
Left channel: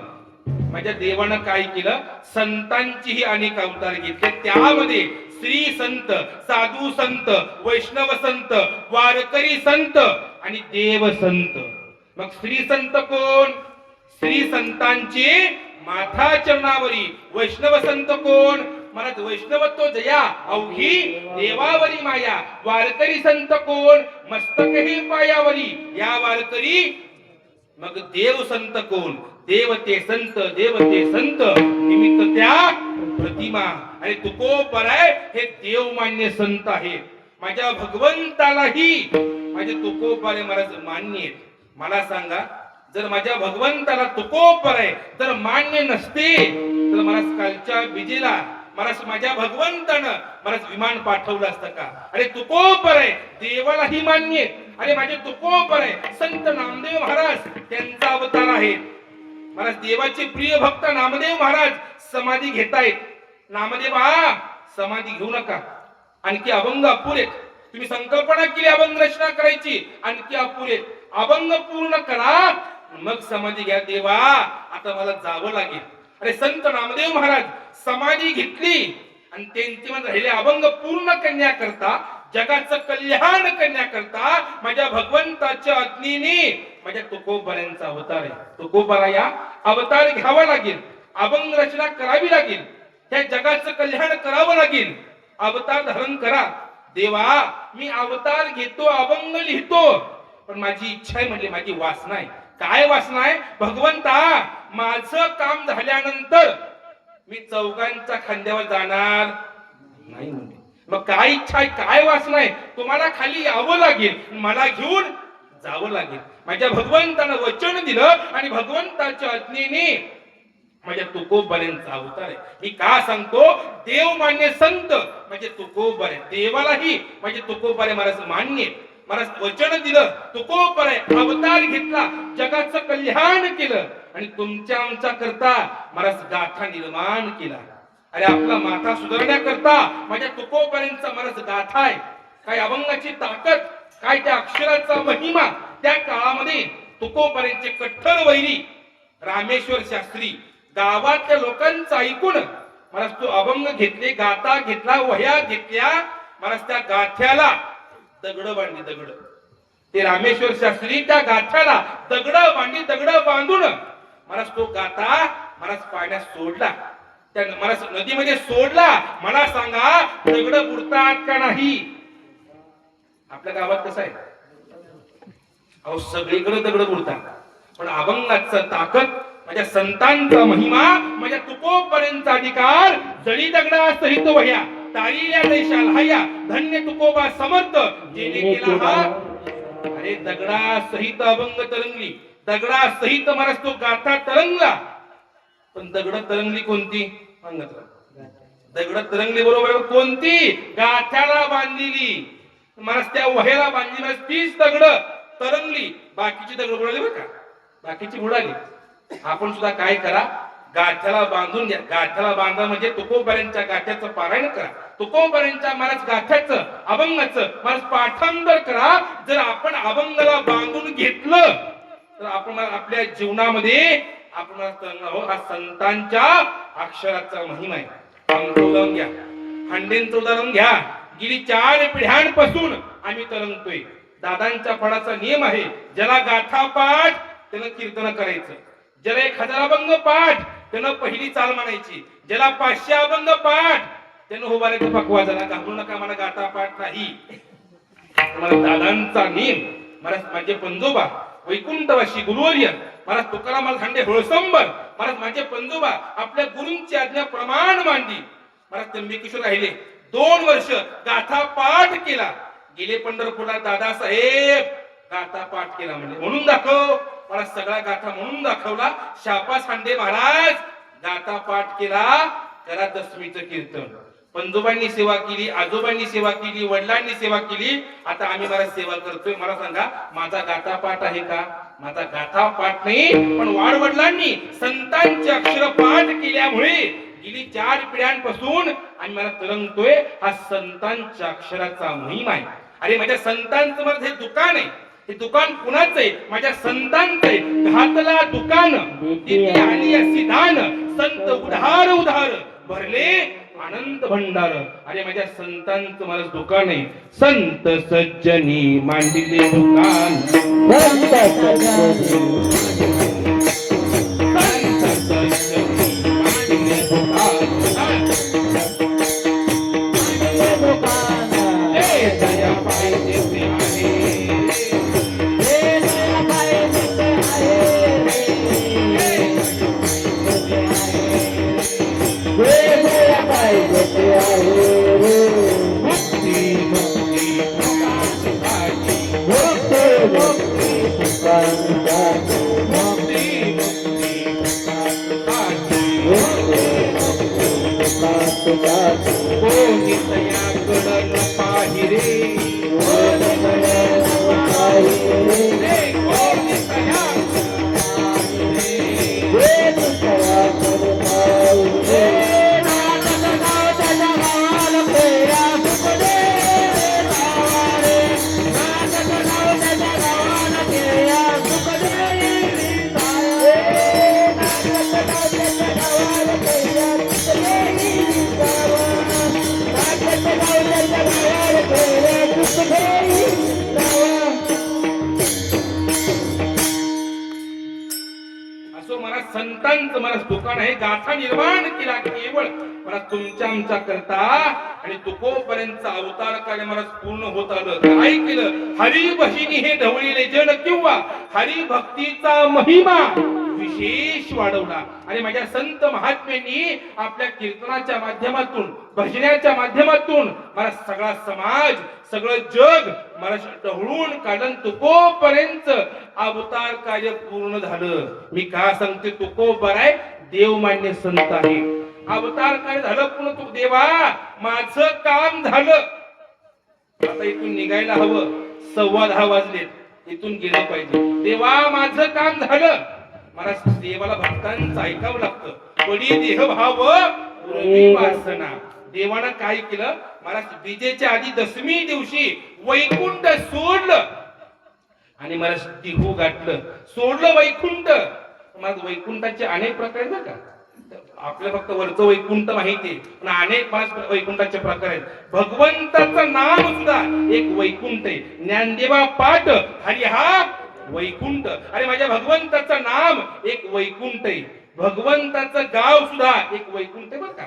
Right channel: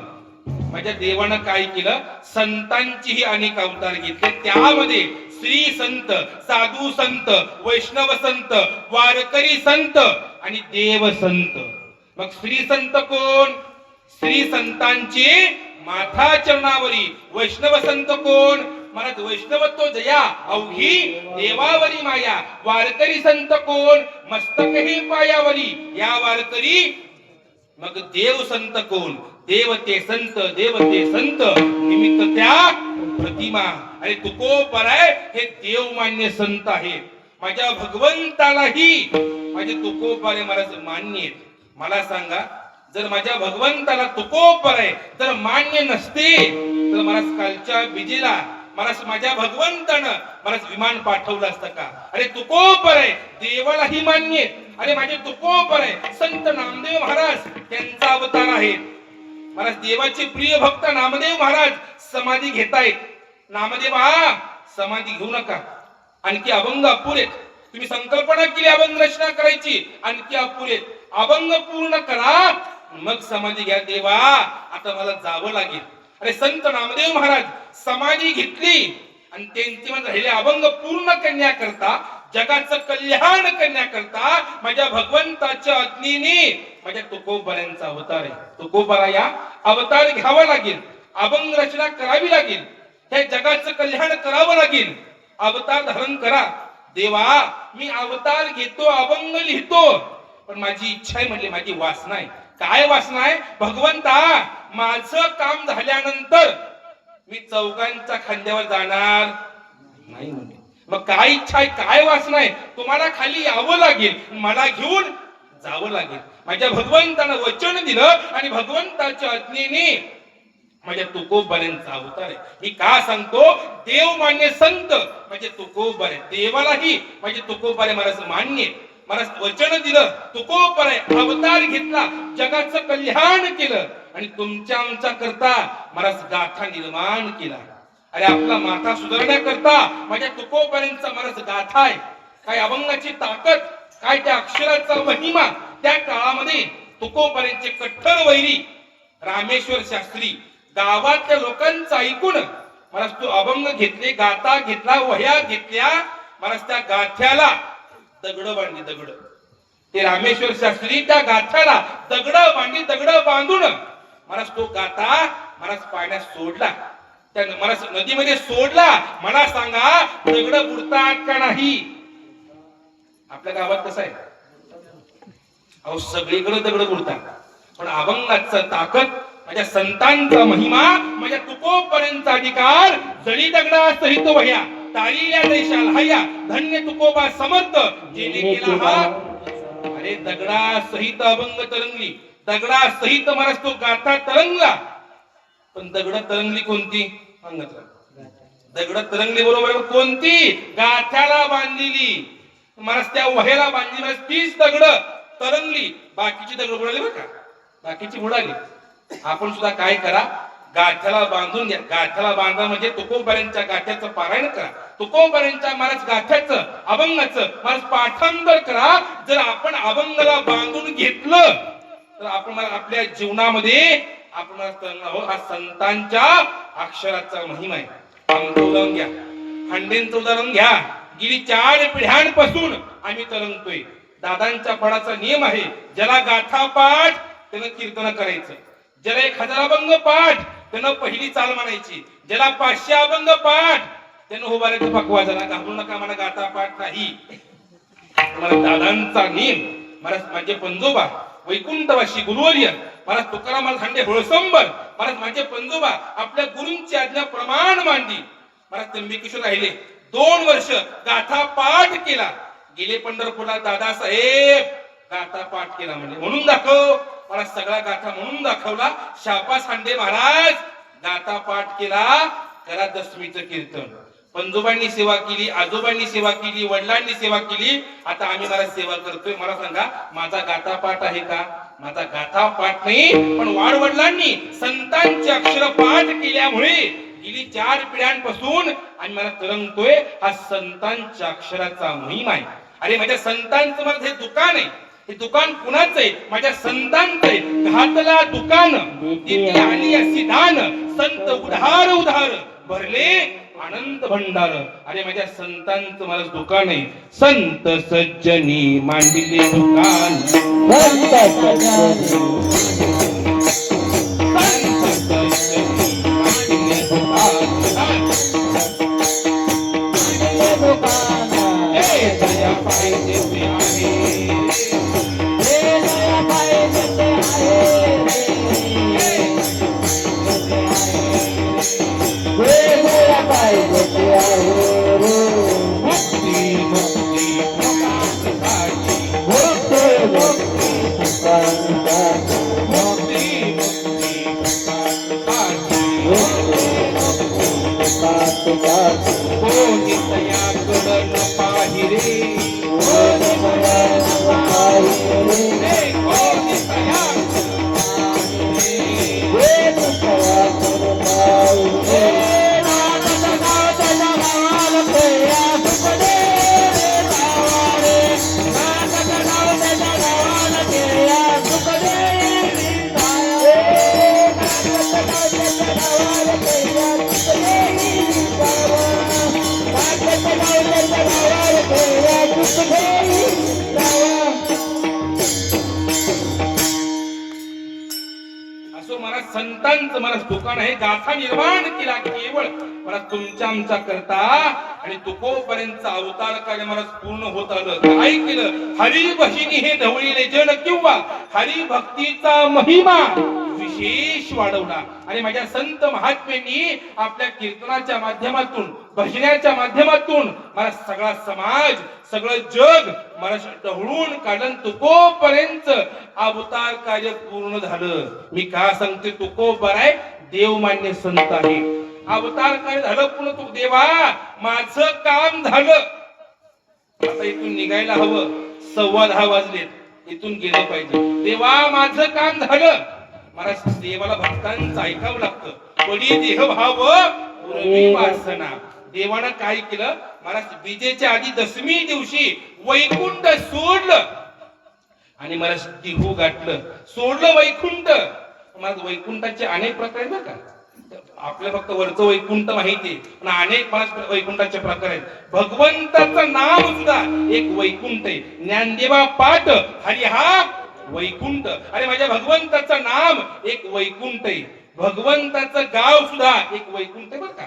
माझ्या देवानं काय केलं? संतांचेही अनेक अवतार घेतले. त्यामध्ये श्री संत, साधू संत, वैष्णव संत, वारकरी संत आणि देव संत. मग श्री संत कोण? श्री संतांचे माथा चरणावरी. वैष्णव संत कोण? महाराज वैष्णवत्व जया अवघी देवावरी माया. वारकरी संत कोण? मस्तक हे पायावरी या वारकरी. मग देव संत कोण? देवते संत, देवते संत निमित्त त्या प्रतिमा. आणि तुकोबराय हे देवमान्य संत आहे. माझ्या भगवंतालाही माझे तुकोबराय महाराज मान्य आहेत. मला सांगा, जर माझ्या भगवंताला तुकोबराय जर मान्य नसते तर महाराज कालच्या विजेला महाराज माझ्या भगवंतानं महाराज विमान पाठवलं असतं का? अरे तुकोबराय देवालाही मान्य. अरे माझे तुकोबराय संत नामदेव महाराज त्यांचा अवतार आहे. महाराज देवाचे प्रिय भक्त नामदेव महाराज समाधी घेतायत. नामदेवा समाधी घेऊ नका, आणखी अभंग अपुरेत. तुम्ही संकल्पना केली अभंग रचना करायची, आणखी अपुरेत. अभंग पूर्ण करा मग समाधी घ्या. देवा आता मला जावं लागेल. अरे संत नामदेव महाराज समाधी घेतली आणि त्यांचे म्हणजे राहिले अभंग पूर्ण करण्याकरता, जगाचं कल्याण करण्याकरता माझ्या भगवंताच्या आज्ञेने माझ्या तुकोबरायांचा अवतार आहे. तुकोबरा या अवतार घ्यावा लागेल, अभंग रचना करावी लागेल, त्या जगाचं कल्याण करावं लागेल. अवतार धारण करा. देवा मी अवतार घेतो, अभंग लिहितो, पण माझी इच्छा आहे म्हणले, माझी वासना आहे. काय वासना आहे? भगवंता माझं काम झाल्यानंतर मी चौघांच्या खांद्यावर जाणार नाही म्हणले. मग काय इच्छा आहे, काय वासना आहे? तुम्हाला खाली यावं लागेल, मला घेऊन जावं लागेल. माझ्या भगवंतानं वचन दिलं आणि भगवंताच्या आज्ञेने माझ्या तुकोबऱ्यांचा अवतार आहे. मी का सांगतो? देव मान्य संत म्हणजे तुकोबर आहे. देवालाही म्हणजे तुकोबर महाराज मान्य आहे. महाराज वचन दिलं, तुकोबर आहे, अवतार घेतला, जगाचं कल्याण केलं आणि तुमच्या आमच्या करता महाराज गाथा निर्माण केला. अरे आपला माथा सुधारण्याकरता माझ्या तुकोबऱ्यांचा महाराज गाथा आहे. काय अभंगाची ताकद, काय त्या अक्षराचा महिमा. त्या काळामध्ये तुकोबऱ्यांचे कट्टर वैरी रामेश्वर शास्त्री गावातल्या लोकांचं ऐकून महाराज तो अभंग घेतले, गाथा घेतला, वह्या घेतल्या. महाराज त्या गाथ्याला दगड बांधली, दगड. ते रामेश्वर शास्त्री त्या गाथ्याला दगड बांधून महाराज तो गाथा महाराज पाण्यात सोडला. त्या महाराज नदीमध्ये सोडला. मला सांगा दगड बुडतात का नाही? आपल्या गावात कसं आहे? अहो सगळीकडे दगड बुडतात, पण अभंगाचं ताकद, माझ्या संतांचा महिमा, माझ्या तुकोबऱ्यांचा अधिकार, जळी दगडा सहित वह्या तारिल्या देशाल हया, धन्य तुकोबा समर्थ जेने केला हा. अरे दगडा सहित अभंग तरंगली, दगडा सहित महाराज तो गाथा तरंगला. पण दगड तरंगली कोणती? दगड तरंगली बरोबर कोणती? गाथ्याला बांधलेली, महाराज त्या वह्याला बांधली. महाराज तीच दगड तरंगली, बाकीची दगड बुडाली बरं का, बाकीची बुडाली. आपण सुद्धा काय करा, गाथ्याला बांधून घ्या. गाथ्याला बांधा म्हणजे तुकोबऱ्यांच्या गाथ्याचं पारायण करा, तुकोबऱ्यांच्या महाराज गाथ्याचं अभंगाचं महाराज पाठांतर करा. जर आपण अभंगाला बांधून घेतलं तर आपण आपल्या जीवनामध्ये आपण हा संतांच्या अक्षराचा महिमा आहे. आमचं उदाहरण घ्या, हंडेंचं उदाहरण घ्या. गेली 4 पिढ्यांपासून आम्ही तरंगतोय. दादांच्या फळाचा नियम आहे, ज्याला गाथा पाठ त्यानं कीर्तन करायचं, ज्याला 1000 अभंग पाठ त्यानं पहिली चाल म्हणायची, ज्याला 500 अभंग पाठ त्यानं उभारायचं पकवा. ज्याला घाबरू नका, मला गाथा पाठ नाही. मला दादांचा नियम, महाराज माझे पंजोबा वैकुंठवासी गुरुवर्य महाराज तुकाराम हांडे होळसंबर महाराज माझे पंजोबा आपल्या गुरूंची आज्ञा प्रमाण मांडली. महाराज त्र्यंबकेश्वर राहिले 2 वर्ष, गाथा पाठ केला. गेले पंढरपूरला, दादासाहेब गाथा पाठ केला म्हणून दाखव. मला सगळा गाथा म्हणून दाखवला. शापास हांडे महाराज गाथा पाठ केला, करा दशमीचं कीर्तन. पंजोबांनी सेवा केली, आजोबांनी सेवा केली, वडिलांनी सेवा केली. आता आम्ही महाराज सेवा करतोय. मला सांगा माझा गाथा पाठ आहे का? माझा गाथा पाठ नाही, पण वाडवडिलांनी संतांचे अक्षर पाठ केल्यामुळे गेली 4 पिढ्यांपासून आम्ही मला तरंगतोय. हा संतांच्या अक्षराचा महिमा आहे. अरे माझ्या संतांचं मला हे दुकान आहे. हे दुकान कुणाचं आहे? माझ्या संतांचं आहे. घातला दुकान तिथे आली अशी दान, संत उधार उधार भरले आनंद भंडार. अरे माझ्या संतांचं मला दुकान आहे. संत सज्जनी मांडिले दुकान, संत सज्जनी मांडिले दुकान. दुकान हे दया पाहिजे ते आहे, हे दया पाहिजे ते आहे, हे दया पाहिजे ते आहे रे. मुक्ती मुक्ती मुक्ती पाहिजे, मुक्ती मुक्ती सुखांसाठी, मुक्ती मुक्ती पाहिजे. सुखांसाठी कोणी तयाकडं पाहिरे, कोणी दया पाहिजे रे. हे कोणी तयाकडं कोणी दया पाहिजे. असो मला संतांचं मला दुकान आहे, गाथा निर्माण केला केवळ मला तुमच्या आमच्या करता, आणि तुकोपर्यंत अवतार कार्य मला पूर्ण होत आलं. काय केलं? हरी बहिणी हे ढवळीले जन, किंवा हरी भक्तीचा महिमा विशेष वाढवला. आणि माझ्या संत महात्म्यांनी आपल्या कीर्तनाच्या माध्यमातून, भजनाच्या माध्यमातून मला सगळा समाज, सगळं जग मला ढवळून काढून तुकोपर्यंत अवतार कार्य पूर्ण झालं. मी का सांगते? तुकोबर आहे, देवमान्य संत आहे. अवतार कार्य झालं पुन्हा. तू देवा माझं काम झालं. आता इथून निघायला हवं, 10:15 वाजलेत, इथून गेलं पाहिजे. देवा माझं काम झालं. मला देवाला भक्तांचं ऐकावं लागतं. पडी देह भाव पुरवी वासना. देवानं काय केलं? मला विजेच्या आधी दशमी दिवशी वैकुंठ सोडलं आणि मला तिहू गाठलं. सोडलं वैकुंठ. मला वैकुंठाचे अनेक प्रकार आहेत का? आपल्याला फक्त वरचं वैकुंठ माहिती, पण अनेक मला वैकुंठाचे प्रकार आहेत. भगवंताचं नाम सुद्धा एक वैकुंठ आहे. ज्ञानदेवा पाठ हरी हा वैकुंठ. अरे माझ्या भगवंताचं नाम एक वैकुंठ आहे. भगवंताचं गाव सुद्धा एक वैकुंठ आहे बरं का.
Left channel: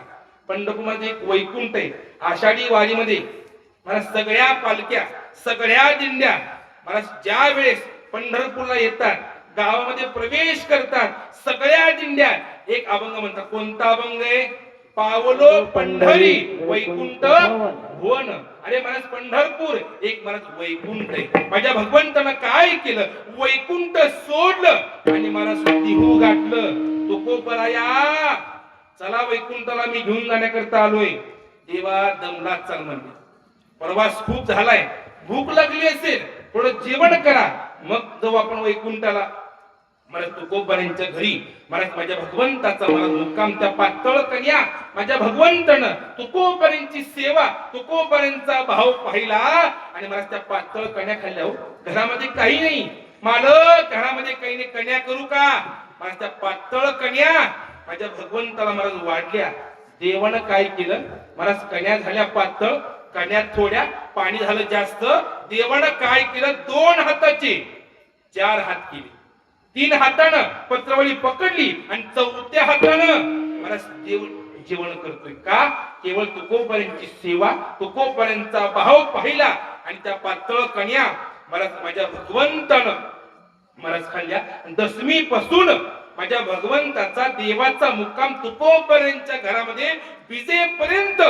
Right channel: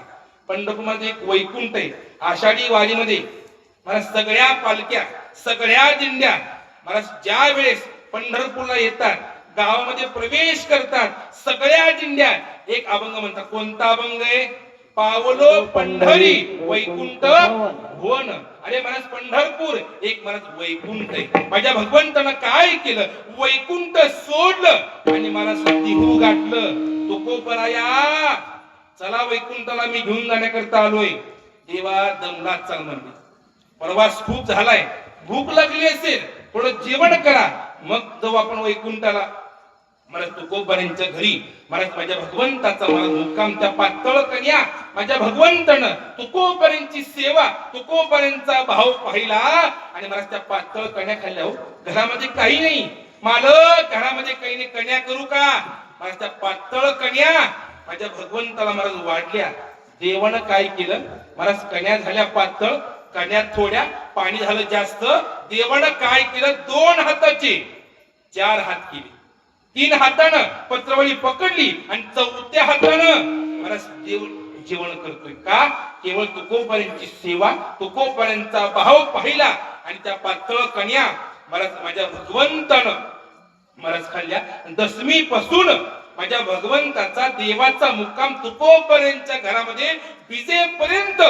पंढरपूर मध्ये एक वैकुंठ आहे. आषाढी वारीमध्ये मला सगळ्या पालख्या, सगळ्या दिंड्या मला ज्या वेळेस पंढरपूरला येतात, गावामध्ये प्रवेश करतात, सगळ्या दिंड्या एक अभंग म्हणतात. कोणता अभंग आहे? पावलो पंढरी वैकुंठ भुवन. अरे मला पंढरपूर एक मला वैकुंठ आहे. माझ्या भगवंतानं काय केलं? वैकुंठ सोडलं आणि मला तिहू गाठलं. तुकोबराया चला वैकुंठाला मी घेऊन जाण्याकरता आलोय. देवा दमलाच चाल म्हणले. प्रवास खूप झालाय, भूक लागली असेल, थोडं जेवण करा, मग जाऊ आपण वैकुंठाला. मला तुकोबरांच्या घरी मला माझ्या भगवंताचा मला मुक्काम. त्या पातळ कन्या माझ्या भगवंतानं तुकोबरांची सेवा, तुकोबरांचा भाव पाहिला आणि मला त्या पातळ कन्या खाल्ल्या. हो घरामध्ये काही नाही मालक, घरामध्ये काही नाही, कन्या करू का? मला त्या पातळ कन्या माझ्या भगवंताला मला वाढल्या. देवानं काय केलं? मला कन्या झाल्या पातळ, कन्या थोड्या, पाणी झालं जास्त. देवानं काय केलं? 2 हाताचे 4 हात केले. 3 हातानं पत्रवळी पकडली आणि 4थ्या हातानं मला देव जेवण करतोय. का? केवळ तुकोपर्यंतची सेवा, तुकोपर्यंतचा भाव पाहिला आणि त्या पातळ कन्या मला माझ्या भगवंतानं मला खाल्ल्या. दशमी पासून माझ्या भगवंताचा देवाचा मुक्काम तुकोपर्यंतच्या घरामध्ये विजेपर्यंत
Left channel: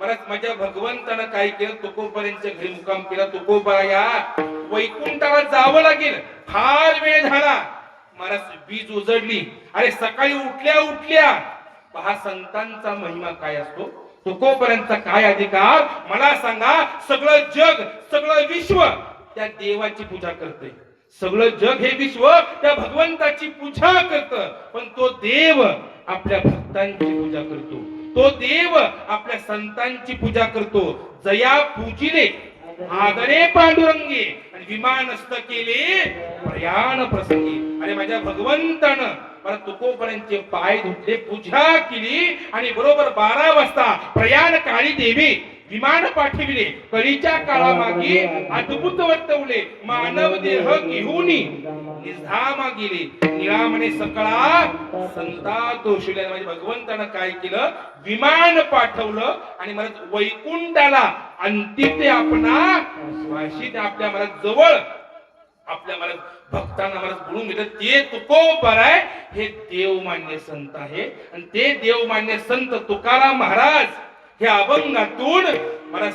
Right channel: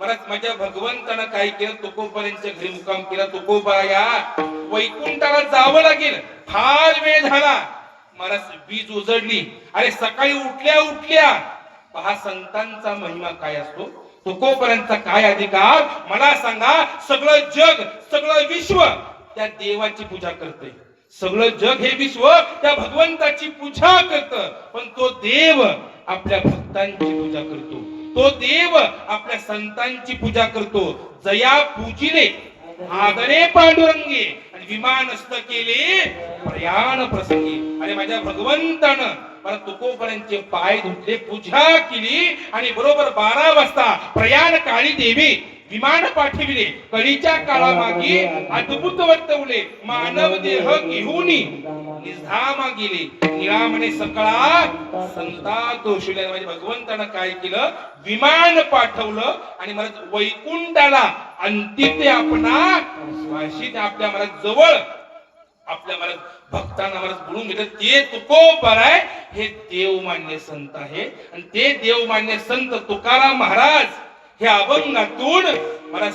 मला माझ्या भगवंतानं काय केलं? तुकोपर्यंतच्या घरी मुक्काम केला. तुकोबराया वैकुंठाला जावं लागेल, फार वेळ झाला. मला वीज उजडली. अरे सकाळी उठल्या उठल्या पहा संतांचा महिमा काय असतो, तुकोपर्यंतचा काय अधिकार मला सांगा. सगळं जग, सगळं विश्व त्या देवाची पूजा करते. सगळं जग हे विश्व त्या भगवंताची पूजा करत, पण तो देव आपल्या भक्तांची पूजा करतो. तो देव आपल्या संतांची पूजा करतो. जया पूजिले आदरे पांडुरंगे आणि विमानस्थ केले प्रयाण प्रसंगी. आणि माझ्या भगवंतानं मला तुकोपर्यंतचे पाय धुतले, पूजा केली आणि बरोबर 12 वाजता प्रयाण काळी देवी विमान पाठविले. कळीच्या काळामागे अद्भुत वर्तवले. मानव देह घेऊन निधामा गेले. निळामणे सकळा संता तोषले. माझ्या भगवंतानं काय केलं? विमान पाठवलं आणि मला वैकुंठाला अंतिम आपणा वाशीत आपल्या मला जवळ आपल्या मला भक्तांना मला बोलून घेतलं. ते तुकोबर आहे, हे देवमान्य संत आहे. आणि ते देवमान्य संत तुकाराम महाराज हे अभंगातून मला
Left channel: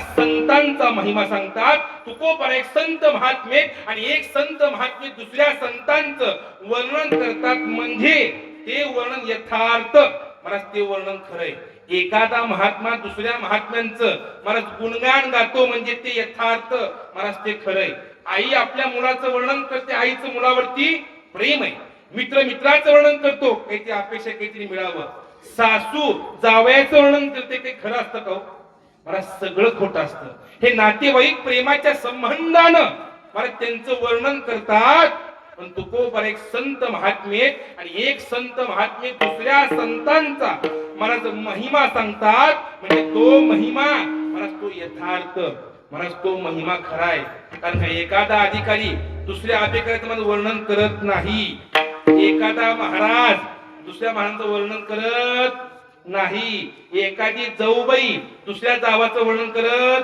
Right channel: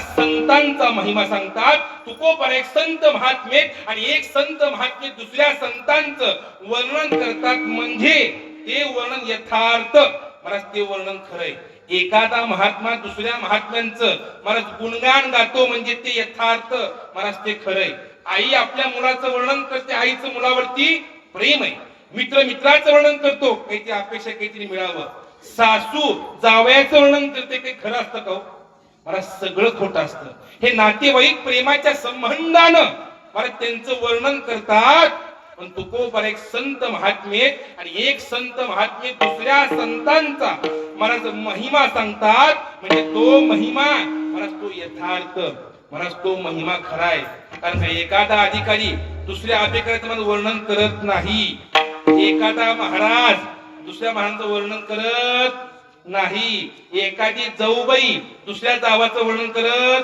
संतांचा महिमा सांगतात. तुकोबर एक संत महात्मे आणि एक संत महात्मे दुसऱ्या संतांचं वर्णन करतात. म्हणजे ते वर्णन यथार्थ मला ते वर्णन खरंय. एखादा महात्मा दुसऱ्या महात्म्यांचं मला गुणगान गातो म्हणजे ते यथार्थ मला ते खरंय. आई आपल्या मुलाचं वर्णन करते, आईचं मुलावरती प्रेम आहे. मित्र मित्राचं वर्णन करतो, काहीतरी अपेक्षा काहीतरी मिळावं. सासू जावयाचं वर्णन करते, काही खरं असतं का? मला सगळं खोटं असतं. हे नातेवाईक प्रेमाच्या संबंधानं मला त्यांचं वर्णन करतात. पण तुकोबर एक संत महात्मे आणि एक संत महात्मे दुसऱ्या संतांचा मला महिमा सांगतात. म्हणजे तो महिमा मला तो यथार्थ मला तो महिमा खरा आहे. कारण का एखादा अधिकारी दुसऱ्या अधिकाऱ्याचं मला वर्णन करत नाही. एखादा महाराज दुसऱ्या महाराजांचं वर्णन करत नाही. एखादी जाऊबाई दुसऱ्या जावाचं वर्णन करत.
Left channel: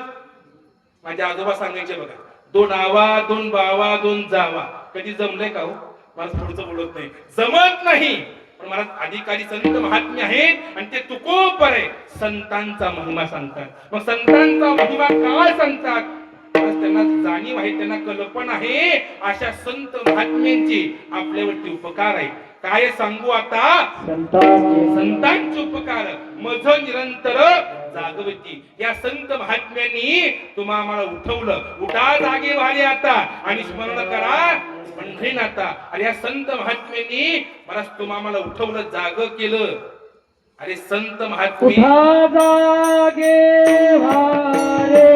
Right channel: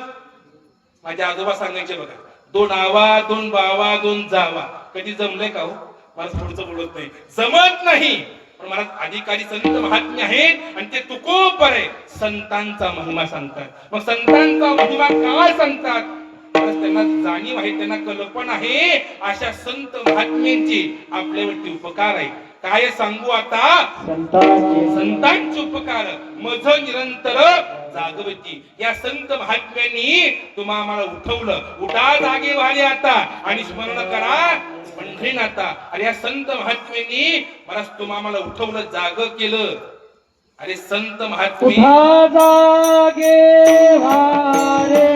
माझे आजोबा सांगायचे बघा, 2 आवा 2 बावा 2 जावा. कधी जमलंय का हो? मला पुढचं बोलत नाही, जमत नाही. पण मला अधिकारी संत महात्मे आहेत आणि ते तुकोपर आहे. संतांचा महिमा सांगतात. मग संतांचा महिमा काय सांगतात? त्यांना जाणीव आहे, त्यांना कल्पना आहे. अशा संत महात्म्यांची आपल्यावरती उपकार आहे. काय सांगू आता? संतांचे उपकार मज निरंतर जागवती. या संत महात्म्यांनी तुम्हा आम्हाला उठवलं. उठा जागे वाले आता आणि स्मरण करा पंढरीनाथा. अरे या संत महात्म्यांनी मला तुम्हा आम्हाला उठवलं, जाग केलं. अरे संत महात्मे जागे वारे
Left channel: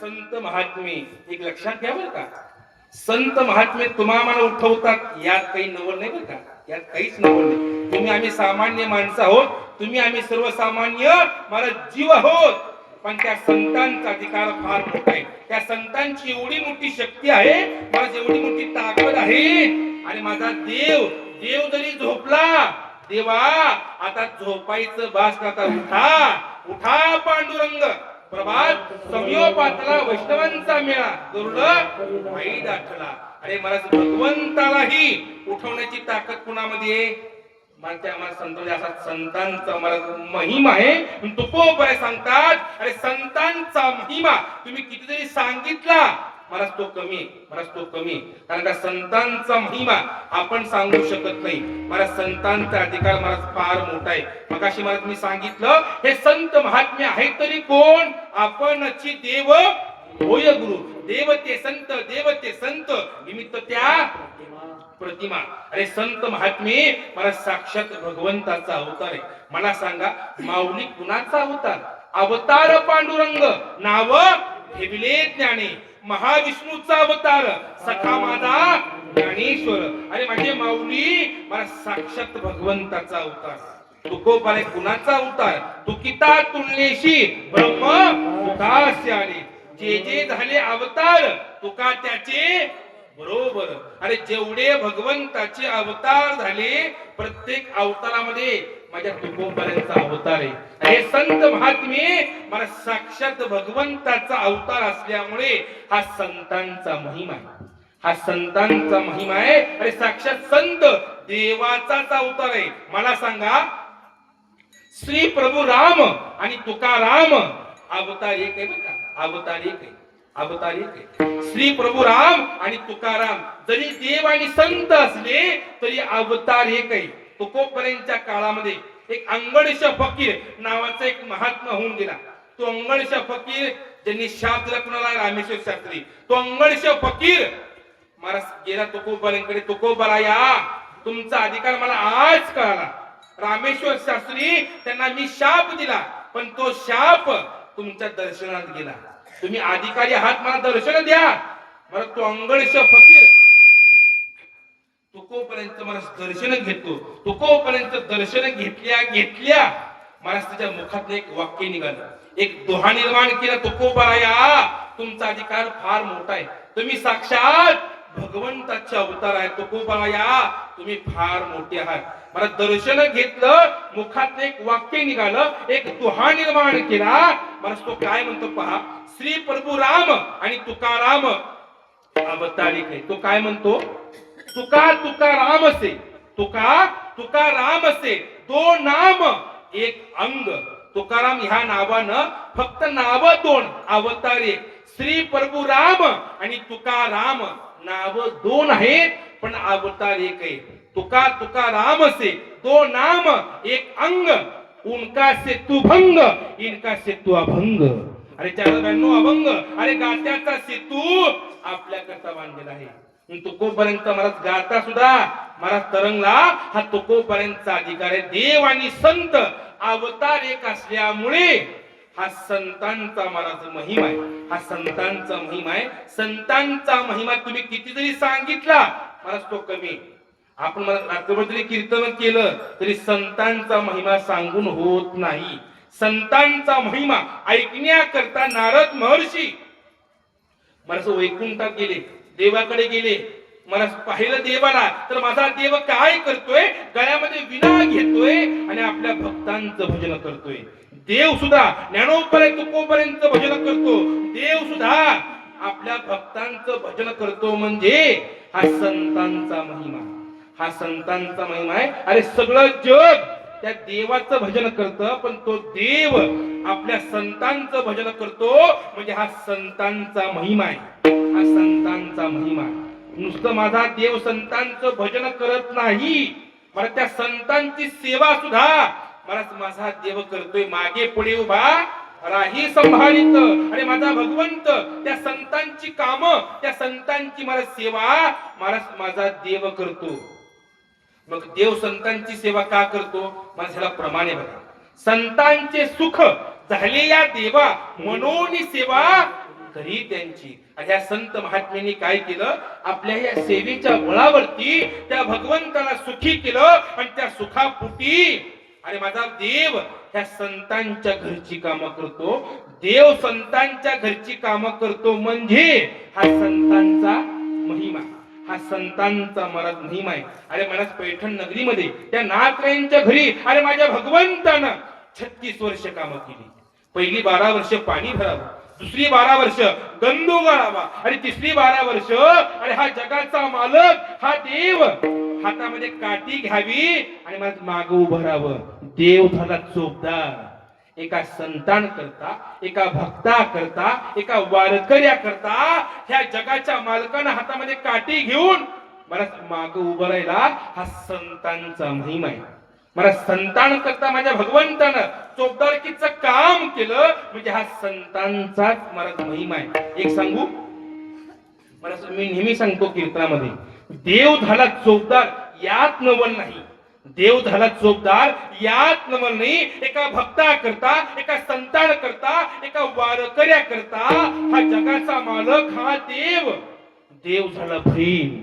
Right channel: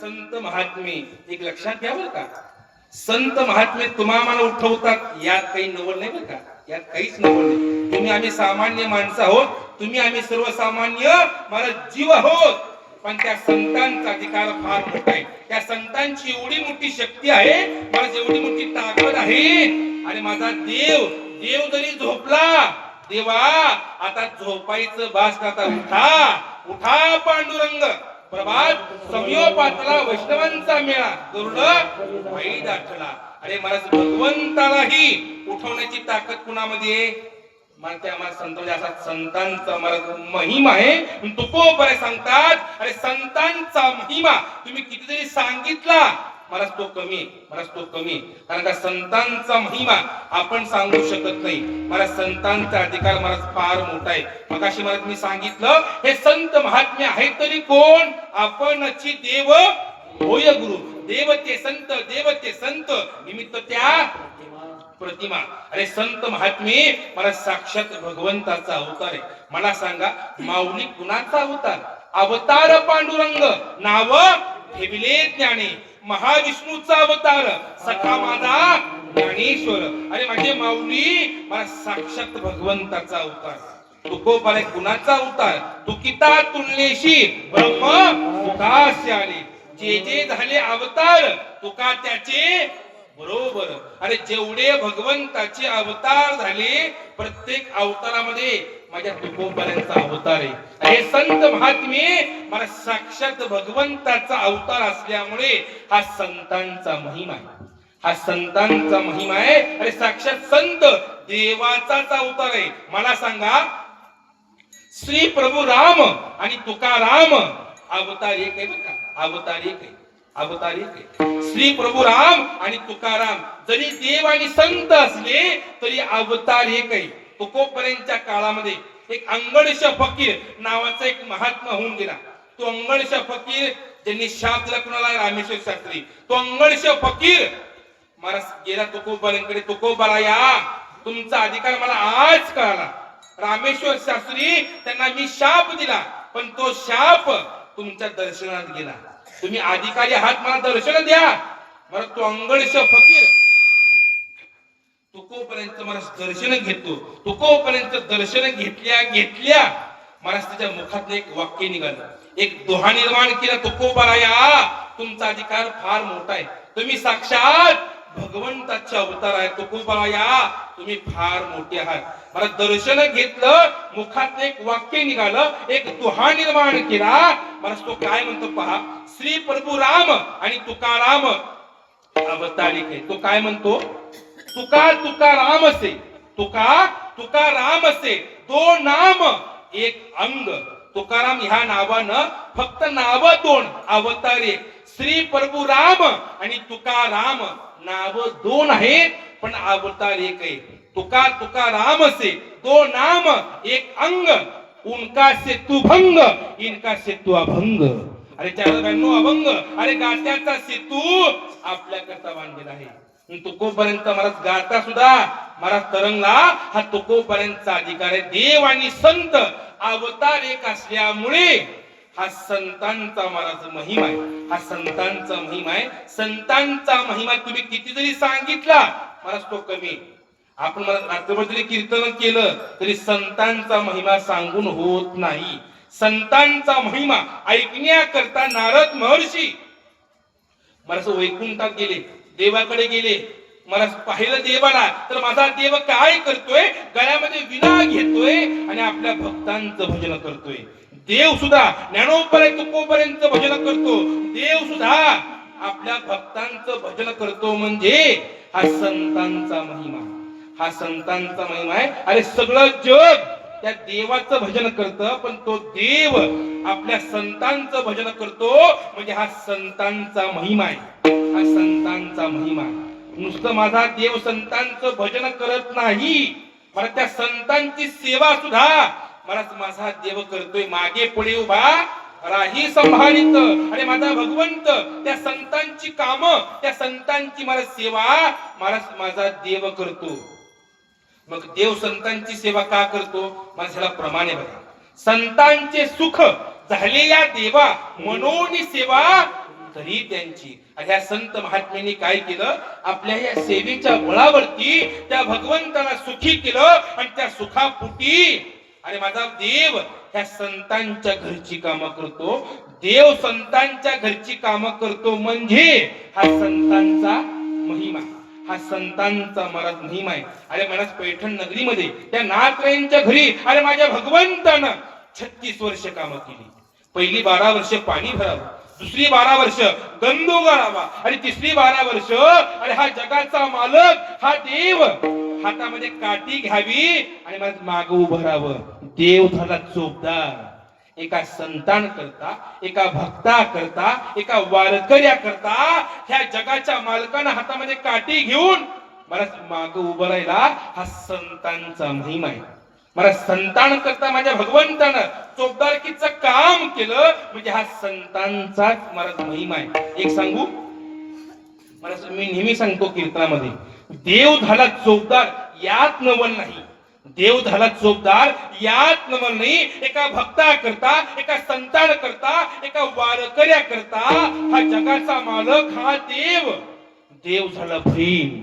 संत महात्मे एक लक्षात घ्या बरं का. संत महात्मे तुम्हाला उठवतात, यात काही नवल नाही बरं का. यात काहीच नवल नाही. तुम्ही आम्ही सामान्य माणसं आहोत, तुम्ही आम्ही सर्वसामान्य मला जीव आहोत. पण त्या संतांचा अधिकार फार मोठा आहे. त्या संतांची एवढी मोठी शक्ती आहे, मला जेवढी मोठी ताकद आहे. आणि माझा देव जरी झोपला, देवा आता झोपायचं बास करता. उठा उठा पांडुरंग. प्रभात समयो पातला वैष्णवांचा मेळा गरुड वाई दाटला. अरे महाराज भगवंतालाही उठवण्याची ताकद कुणामध्ये? मला संतांचा असा संतांचा महाराज महिमा आहे. तुकोबरे सांगतात. अरे संतांचा महिमा तुम्ही कितीतरी सांगितला, महाराज तो कमी, महाराज तो कमी. कारण का संतांचा महिमा आपण सांगू शकत नाही. महाराज संतांचा अधिकार महाराज फार मोठा आहे. मगाशी महाराज मी सांगितलं, हे संत महात्मे आहेत तरी कोण? आपणची देव होय गुरु. देवते संत निमित्त त्या प्रतिमा. अरे संत महात्मे महाराज साक्षात भगवंताचा अवतार आहे. मला सांगा, माऊली कुणाचा अवतार? अवतार पांडुरंग नाव ठेविले ज्ञाने. महाविष्णूचा अवतार सखा माझा ज्ञानेश्वर. अरे माझे माऊली मला साक्षात भगवंताचा अवतार. तुकोबारे कुणाचा अवतार? तुकिता तुलनेशी ब्रह्म तुकासे आले. जे झाले अवतार तुका त्याचे बरोबर. अरे जेवढे भगवंताचे अवतार झाले, प्रत्येक अवतारामध्ये माझ्या तुकोबाऱ्यांचा अवतार आहे. हे संत महात्मे मला साक्षात भगवंताचा अवतार असल्यामुळे हा संतांचा महिमा आहे. हा संतांचा महिमा आहे. अरे साक्षात संत देवाचाच अवतार आहे. मला सांगा, श्री प्रभू राम आणि तुकाराम अवतार एक आहे बरं का. अवतार एक आहे, अवतार एक आहे. श्री प्रभू राम आणि तुकाराम जरी देव आणि संत असले तरी अवतार एक आहे. तुकोबऱ्यांच्या काळामध्ये एक अंगडश फकीर नावाचा एक महात्मा होऊन गेला. तो अंगडश फकीर ज्यांनी शाप दिला कुणाला? रामेश्वर शास्त्री. तो अंगडश फकीर महाराज गेला तुकोबऱ्यांकडे. तुकोबरा या, तुमचा अधिकार मला आज कळाला. रामेश्वर शास्त्री त्यांना मी शाप दिला, पण तो शाप तुमच्या दर्शनात गेला. तुम्ही अधिकारी आहात, मला दर्शन द्या. मला तो अंगळश फकीर तुकोपर्यंत मला दर्शन घेतो. तुकोपर्यंत दर्शन घेतल्या महाराज त्याच्या मुखात एक वाक्य निघालं, एक दोहा निर्माण केला. तुकोबराया, तुमचा अधिकार फार मोठा आहे. तुम्ही साक्षात भगवंताचे अवतार आहे. तुकोबराया, तुम्ही फार मोठे आहात. मला दर्शन घेतलं, मुखात एक वाक्य निघालं, एक दोहा निर्माण केला. मला तो काय म्हणतो पहा. श्री प्रभू राम आणि तुकाराम अवतारिक आहे. तो काय म्हणतो. तुका राम असे, तुका राम असे, दोन नाम एक अंग. तुकाराम ह्या नावानं फक्त नाव दोन, अवतार एक. श्री प्रभू राम आणि तुकाराम नाव दोन आहेत, पण अवतार एक आहे. तुका राम से दो नाम एक अंग, उनका से तू भंग, इनका से तू अभंग. अरे चार बॅनो अभंग, अरे गात्याचा सेतू आपल्याकरता बांधलेला आहे. तुकोपर्यंत मला गाता सुद्धा मला तरंगला. हा तुकोपर्यंतचा अधिकार आहे. देव आणि संत अवतार एक असल्यामुळे हा संतांचा महाराज महिमा आहे. हा संतांचा महिमा आहे. संतांचा महिमा तुम्ही किती जरी सांगितला महाराज तो कमी. आपण मला रात्रभर जरी कीर्तन केलं तरी संतांचा महिमा सांगून होत नाही. संतांचा महिमा ऐकण्याकरता नारद महर्षी मला वैकुंठात गेले, देवाकडे गेले. मला पाहिलं देवाला, तर माझा देव काय करतोय, गळ्यामध्ये विणा घेतोय आणि आपल्या भक्तांचं भजन करतोय. देव सुद्धा ज्ञानोपर्यंत तुकोपर्यंत भजन करतो. देव सुद्धा आपल्या भक्तांचं भजन करतो. म्हणजे हा संतांचा महिमा, हा संतांचा महिमा आहे. अरे सगळं जग त्या देवाचं भजन करतं, पण तो देव आपल्या संतांचं भजन करतो. म्हणजे हा संतांचा महिमा आहे. हा संतांचा महिमा आहे. नुसतं माझा देव संतांचं भजन करत नाही, मला त्या संतांची सेवा सुद्धा मला माझा देव करतोय. मागे पुढे उभा राही संभाळीत. आणि माझा भगवंत त्या संतांची काम, त्या संतांची मला सेवा मला माझा देव करतो. मग देव संतांची सेवा का करतो. मला ह्याला प्रमाणे बघा. संतांचे सुख झाले या देवा, मनोनी सेवा करी त्यांची. ह्या संत महात्म्यांनी काय केलं, आपल्या या सेवेच्या बळावरती त्या भगवंताला सुखी केलं. आणि त्या सुखापोटी अरे माझा देव ह्या संतांच्या घरची कामं करतो. देव संतांच्या घरची कामं करतो म्हणजे हा संतांचा महिमा, हा संतांचा महाराज महिमा आहे. अरे मला पैठण नगरीमध्ये त्या नाथरायांच्या घरी अरे माझ्या भगवंतानं 36 वर्ष कामं केली. पहिली 12 वर्ष पाणी भरावं, दुसरी 12 वर्ष गंधू गाळावा, आणि तिसरी 12 वर्ष अरे हा जगाचा मालक हा देव हातामध्ये काठी घ्यावी आणि मला माग उभं राहावं. देव झाला चोपदार. एका संतान करता, एका भक्ता करता, एका वारकऱ्या करता ह्या जगाच्या मालकानं हातामध्ये काठी घेऊन मला माग उभं राहिला. हा संतांचा महिमा आहे. मला संतान करता माझ्या भगवंतानं चोपदारकीचं काम केलं म्हणजे हा संतांचाच मला महिमा आहे. एक सांगू, मला मी नेहमी सांगतो कीर्तनामध्ये, देव झाला चोपदार यात नवल नाही. देव झाला चोपदार यात नवल नाही. एका भक्ता करता, एका संतान करता, एका वारकऱ्या करता हा जगाचा मालक हा देव. देव झाला बहीण.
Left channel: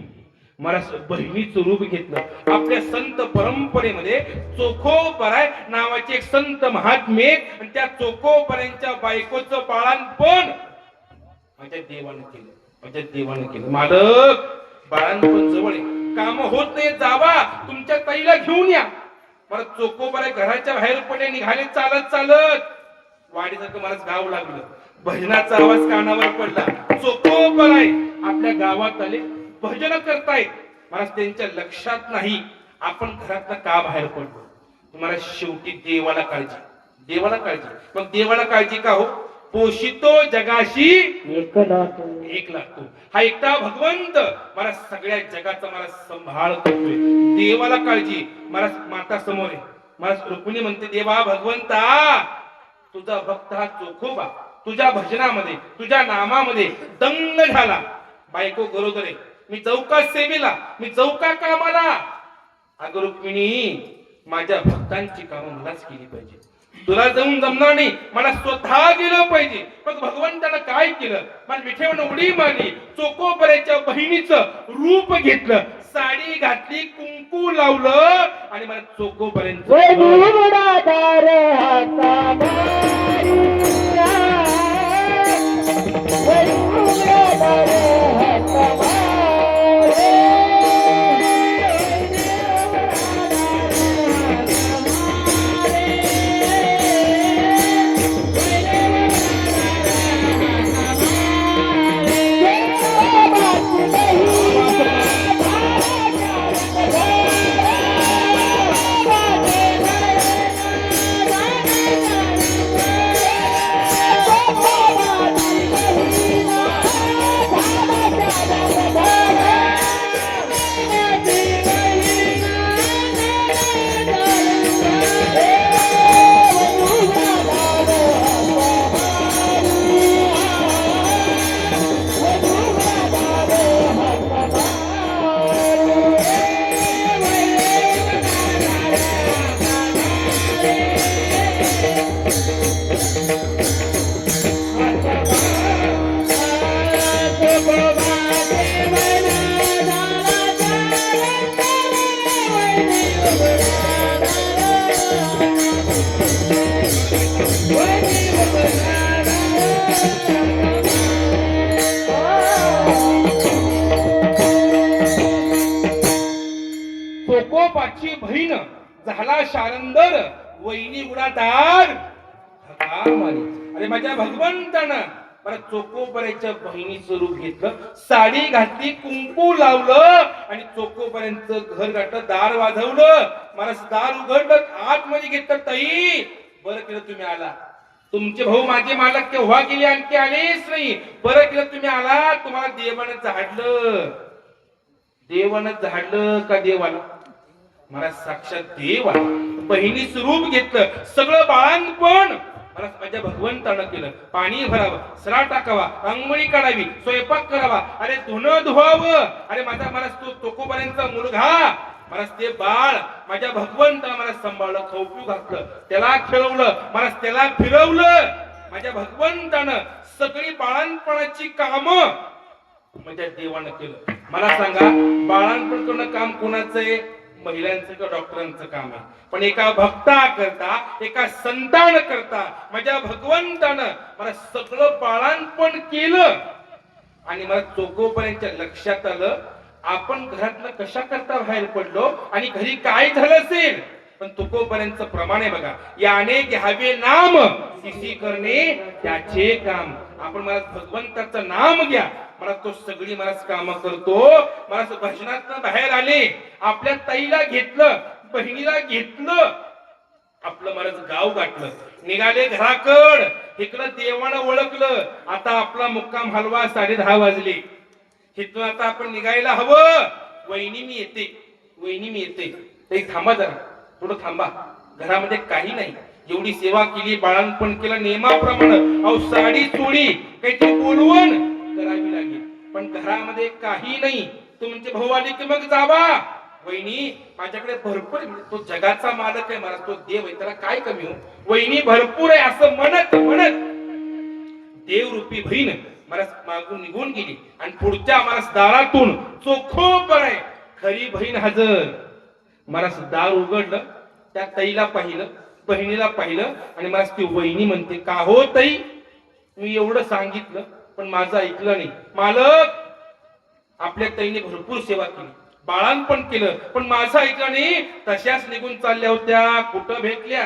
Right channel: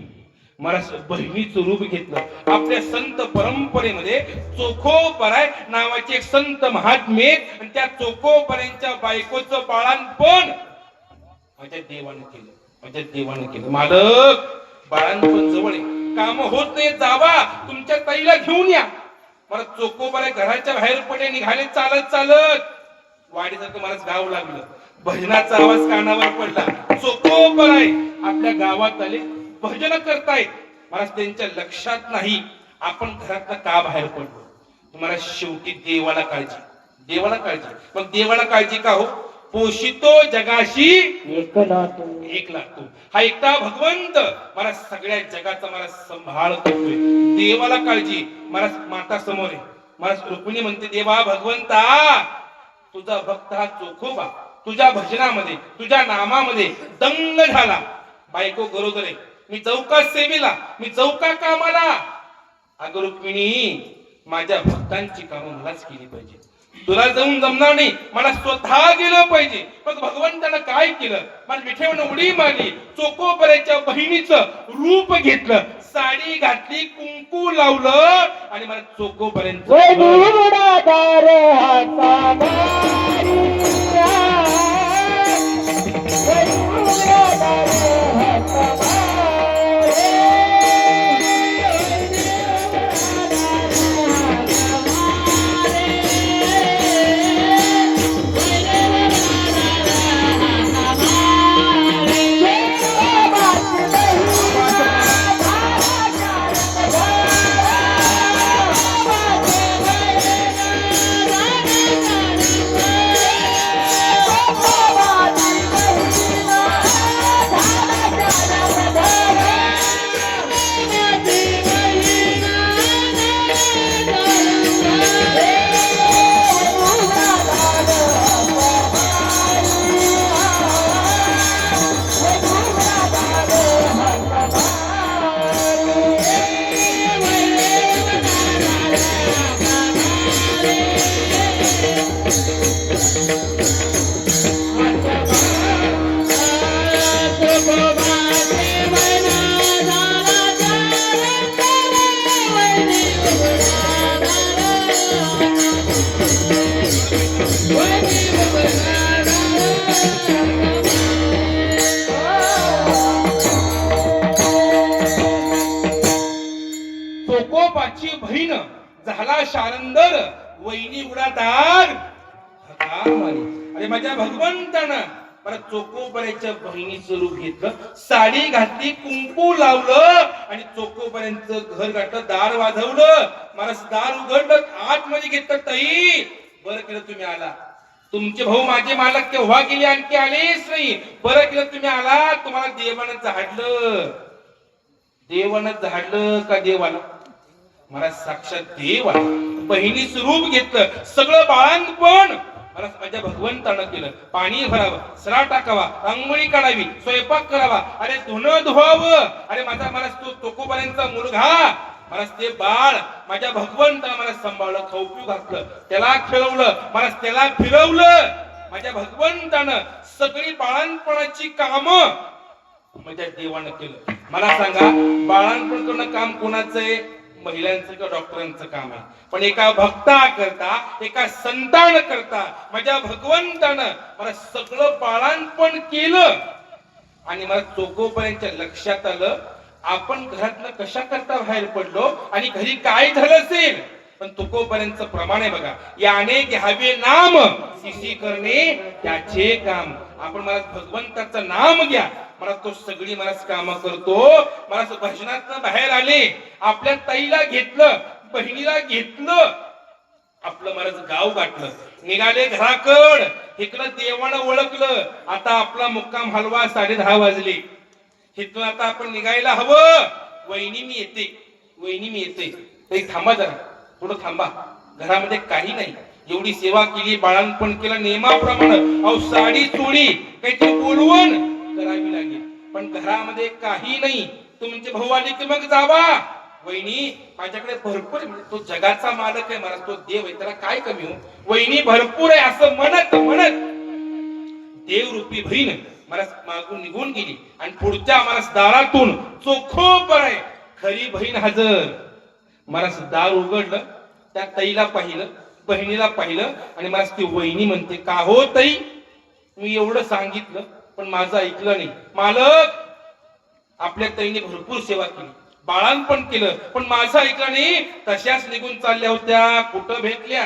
मला बहिणीचं रूप घेतलं. आपल्या संत परंपरेमध्ये चोखोपराय नावाचे एक संत महात्मे, आणि त्या चोखोपरायांच्या बायकोचं बाळांपण माझ्या देवाने केलं. माझ्या देवाने केलं. मालक बाळांपण जवळ आहे, काम होत नाही, जावा तुमच्या ताईला घेऊन या. मला चोखोपराय घराच्या बाहेर पडले, निघाले चालत चालत. वाडीसारखं मलाच गाव लागलं. भजनाचा आवाज कानावर पडला. चोखोपराय आपल्या गावात आले, भजन करतायत. मला त्यांच्या लक्षात नाही आपण घरातनं का बाहेर पडलो. तुम्हाला शेवटी देवाला काळजी, देवाला काळजी. मग देवाला काळजी का हो. पोषितो जगाशी एक लागतो. हा एकटा भगवंत मला सगळ्या जगाचा मला सांभाळ करतोय. देवाला काळजी. मला माता समोर आहे. मला रुक्मिणी म्हणते, देवा भगवंता तुझा भक्त हा चोखोबा तुझ्या भजनामध्ये, तुझ्या नामामध्ये दंग झाला. बायको गरोदर आहे, मी जाऊ का सेवेला, मी जाऊ का कामाला. अगं रुक्मिणी, माझ्या भक्तांची कामं मलाच केली पाहिजे. तुला जाऊन जमणार नाही, मला स्वतः गेलं पाहिजे. मग भगवंतानं काय केलं, मला विठेवनं उडी मारली, चोकोपऱ्याच्या बहिणीचं रूप घेतलं, साडी घातली, कुंकू लावलं आणि मला चोकोपर्यंत वैदिवडादार हाता मारी वैदिवडादार हाता चोकोपाची बहीण झाला शारंदर, वहिनी उडादार हाता मारी. अरे माझ्या भगवंतानं मला चोकोपर्यंतच्या बहिणीचं रूप घेतलं, साडी घातली, कुंकू लावलं आणि चोकोपर्यंत घर गाठलं, दार वाजवलं, मला दार उघडलं, आतमध्ये घेतलं. ताई बरं केलं तुम्ही आला, तुमचे भाऊ माझे मालक केव्हा गेले, आणखी आलेच नाही, बरं केलं तुम्ही आला. तुम्हाला देवानं झाडलं, देवानं झाडलं का देवाला, मला साक्षात देव आला, बहिणीचं रूप घेतलं, सगळं बाळंतपण मला माझ्या भगवंतानं केलं. पाणी भरावं, सरा टाकावा, रांगोळी काढावी, स्वयंपाक करावा, अरे धुणं धुवावं, अरे माझा मला तो चोकोपर्यंतचा मुलगा, मला ते बाळ माझ्या भगवंतानं मला सांभाळलं, खाऊ पिऊ घातलं, त्याला खेळवलं, मला त्याला फिरवलं. माझ्या भगवंतानं सगळी बाळंतपणाची कामं माझ्या देवानं केलं. मला सांगा, बाळंतपण करणं काम कोणाचं आहे, महिलांचं किंवा डॉक्टरांचं काम आहे, पण एका भक्ता करता, एका संतान करता माझ्या भगवंतानं मला सगळं बाळंतपण केलं. आणि मला चोकोपर्यंतच्या लक्षात आलं, आपण घरातनं कशा करता बाहेर पडलो आणि घरी काय झालं असेल, पण तुकोपर्यंत प्रमाण आहे बघा, याने घ्यावे नाम सिसी करणे त्याचे काम. आपण मला भगवंताचं नाम घ्या, मला तो सगळी मला काम करतो. मला भजनात बाहेर आले, आपल्या ताईला घेतलं, बहिणीला घेतलं, आपलं मला गाव गाठलं, निघाले घराकड, इकडं देवानं ओळखलं. आता आपला मुक्काम हलवा 10:30 वाजले, इथून आता आपण निघायला हवं. वहिनी मी येते, वहिनी मी येते. ताई थांबा जरा, थोडं थांबा, घरामध्ये काही नाही, एवढी सेवा केली, बाळंतपण केलं नियमाप्रमाणे, अहो साडी चोळी काहीतरी बोलवून करावी लागेल, पण घरामध्ये काही नाही. तुमचे भाऊ आले की मग जावा. वहिनी माझ्याकडे भरपूर, तो जगाचा मालक आहे, मला तो देव आहे, त्याला काय कमी हो, वहिनी भरपूर आहे असं म्हणत म्हणत देवरूपी बहीण मला मागून निघून गेली. आणि पुढच्या मला दारातून चोखोपर आहे खरी बहीण हजर. मला दार उघडलं, त्या ताईला पाहिलं, बहिणीला पाहिलं, आणि मला ती वहिनी म्हणते, का हो ताई, मी एवढं सांगितलं पण माझं ऐकलं नाही. मालक, आपल्या ताईने भरपूर सेवा केली, बाळांपण केलं, पण माझं ऐकलं नाही. तशाच निघून चालल्या होत्या. कुठं भेटल्या,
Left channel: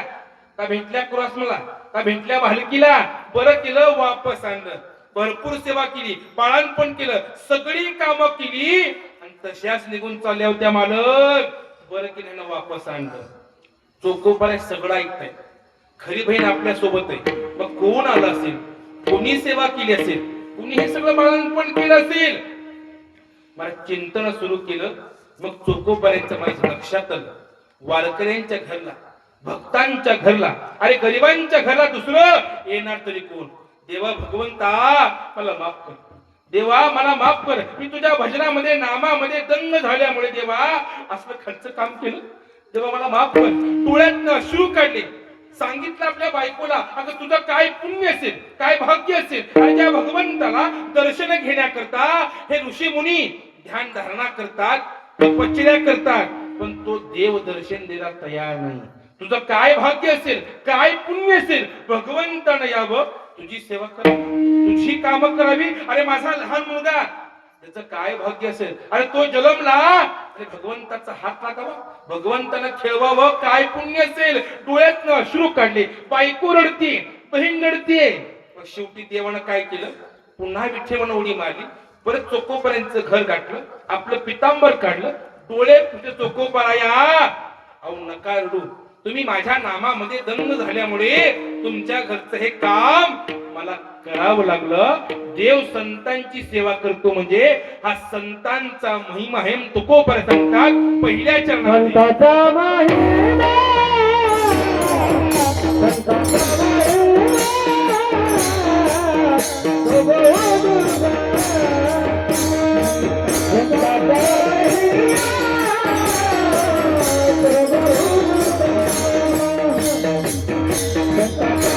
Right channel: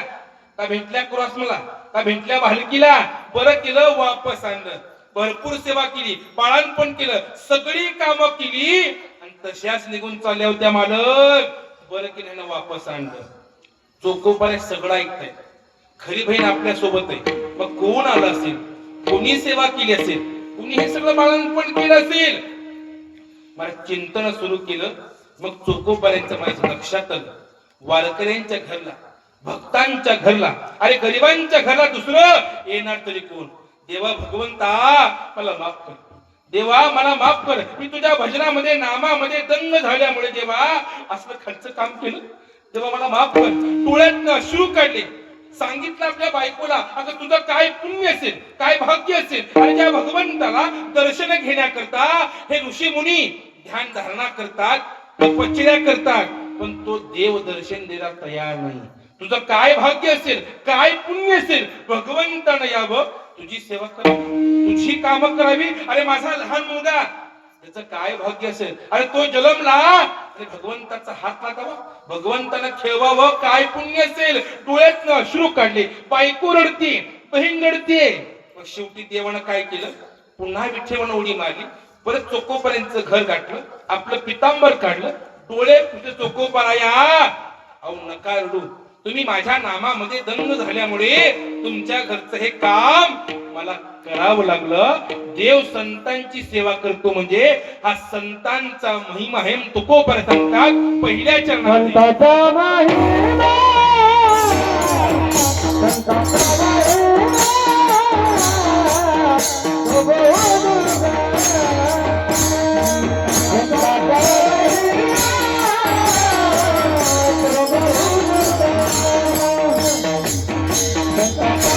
का भेटल्या कुरास मला, का भेटल्या भालकीला, बरं केलं वापस आणलं. भरपूर सेवा केली, बाळांपण केलं, सगळी कामं केली, आणि तशाच निघून चालल्या होत्या. मालक, बरं केलं ना वापस आणलं. चोकोपर्यंत सगळं ऐकताय, खरी बहीण आपल्या सोबत आहे. मग कोण आलं असेल, कोणी सेवा केली असेल, कुणी हे सगळं बाळांपण केलं असेल. मला चिंतन सुरू केलं. मग चोकोपर्यंत माझ्या लक्षात आलं, वारकऱ्यांच्या घरला, भक्तांच्या घरला, अरे गरिबांच्या घरला दुसरं येणार तरी कोण. देवा भगवंता मला माफ कर, देवा मला माफ कर, मी तुझ्या भजनामध्ये नामामध्ये दंग झाल्यामुळे देवा असलं खर्च काम केलं, देवा मला माफ कर. डोळ्यातनं अश्रू काढले, सांगितलं आपल्या बायकोला, अगं तुझं काय पुण्य असेल, काय भाग्य असेल, आणि त्या भगवंताला दर्शन घेण्याकरता हे ऋषी मुनी ध्यान धारणा करतात, तपश्चर्या करतात, पण तो देव दर्शन द्यायला तयार नाही. तुझं काय भाग्य असेल, काय पुण्य असेल, भगवंतानं यावं, तुझी सेवा करावी, तुझी कामं करावी. अरे माझा लहान मुलगा, त्याचं काय भाग्य असेल, अरे तो जन्मला, अरे भगवंताचा हात लागावा, भगवंतानं खेळवावं, काय पुण्य असेल. डोळ्यातनं अश्रू काढले, बायको रडते, बहीण रडते. मग शेवटी देवानं काय केलं, पुन्हा विठ्ठेवानं उडी मारली, परत चोकोपर्यंत घर गाठलं, आपलं पितांबर काढलं, डोळे कुठे चोकोपराया, अहो नका रडू, तुम्ही माझ्या नामामध्ये दंग झाल्यामुळे तुमच्या घरचं हे काम मला करावं लागलं. देव संतांची सेवा करतो म्हणजे हा संतांचा महिमा आहे. तुकोपर सांगतात पहिल्या चरणामध्ये, संताचा महिमा, संताचा महिमा, तो बहुदुर्गा. संताचा महिमा, तो बहुदुर्गा. संताचा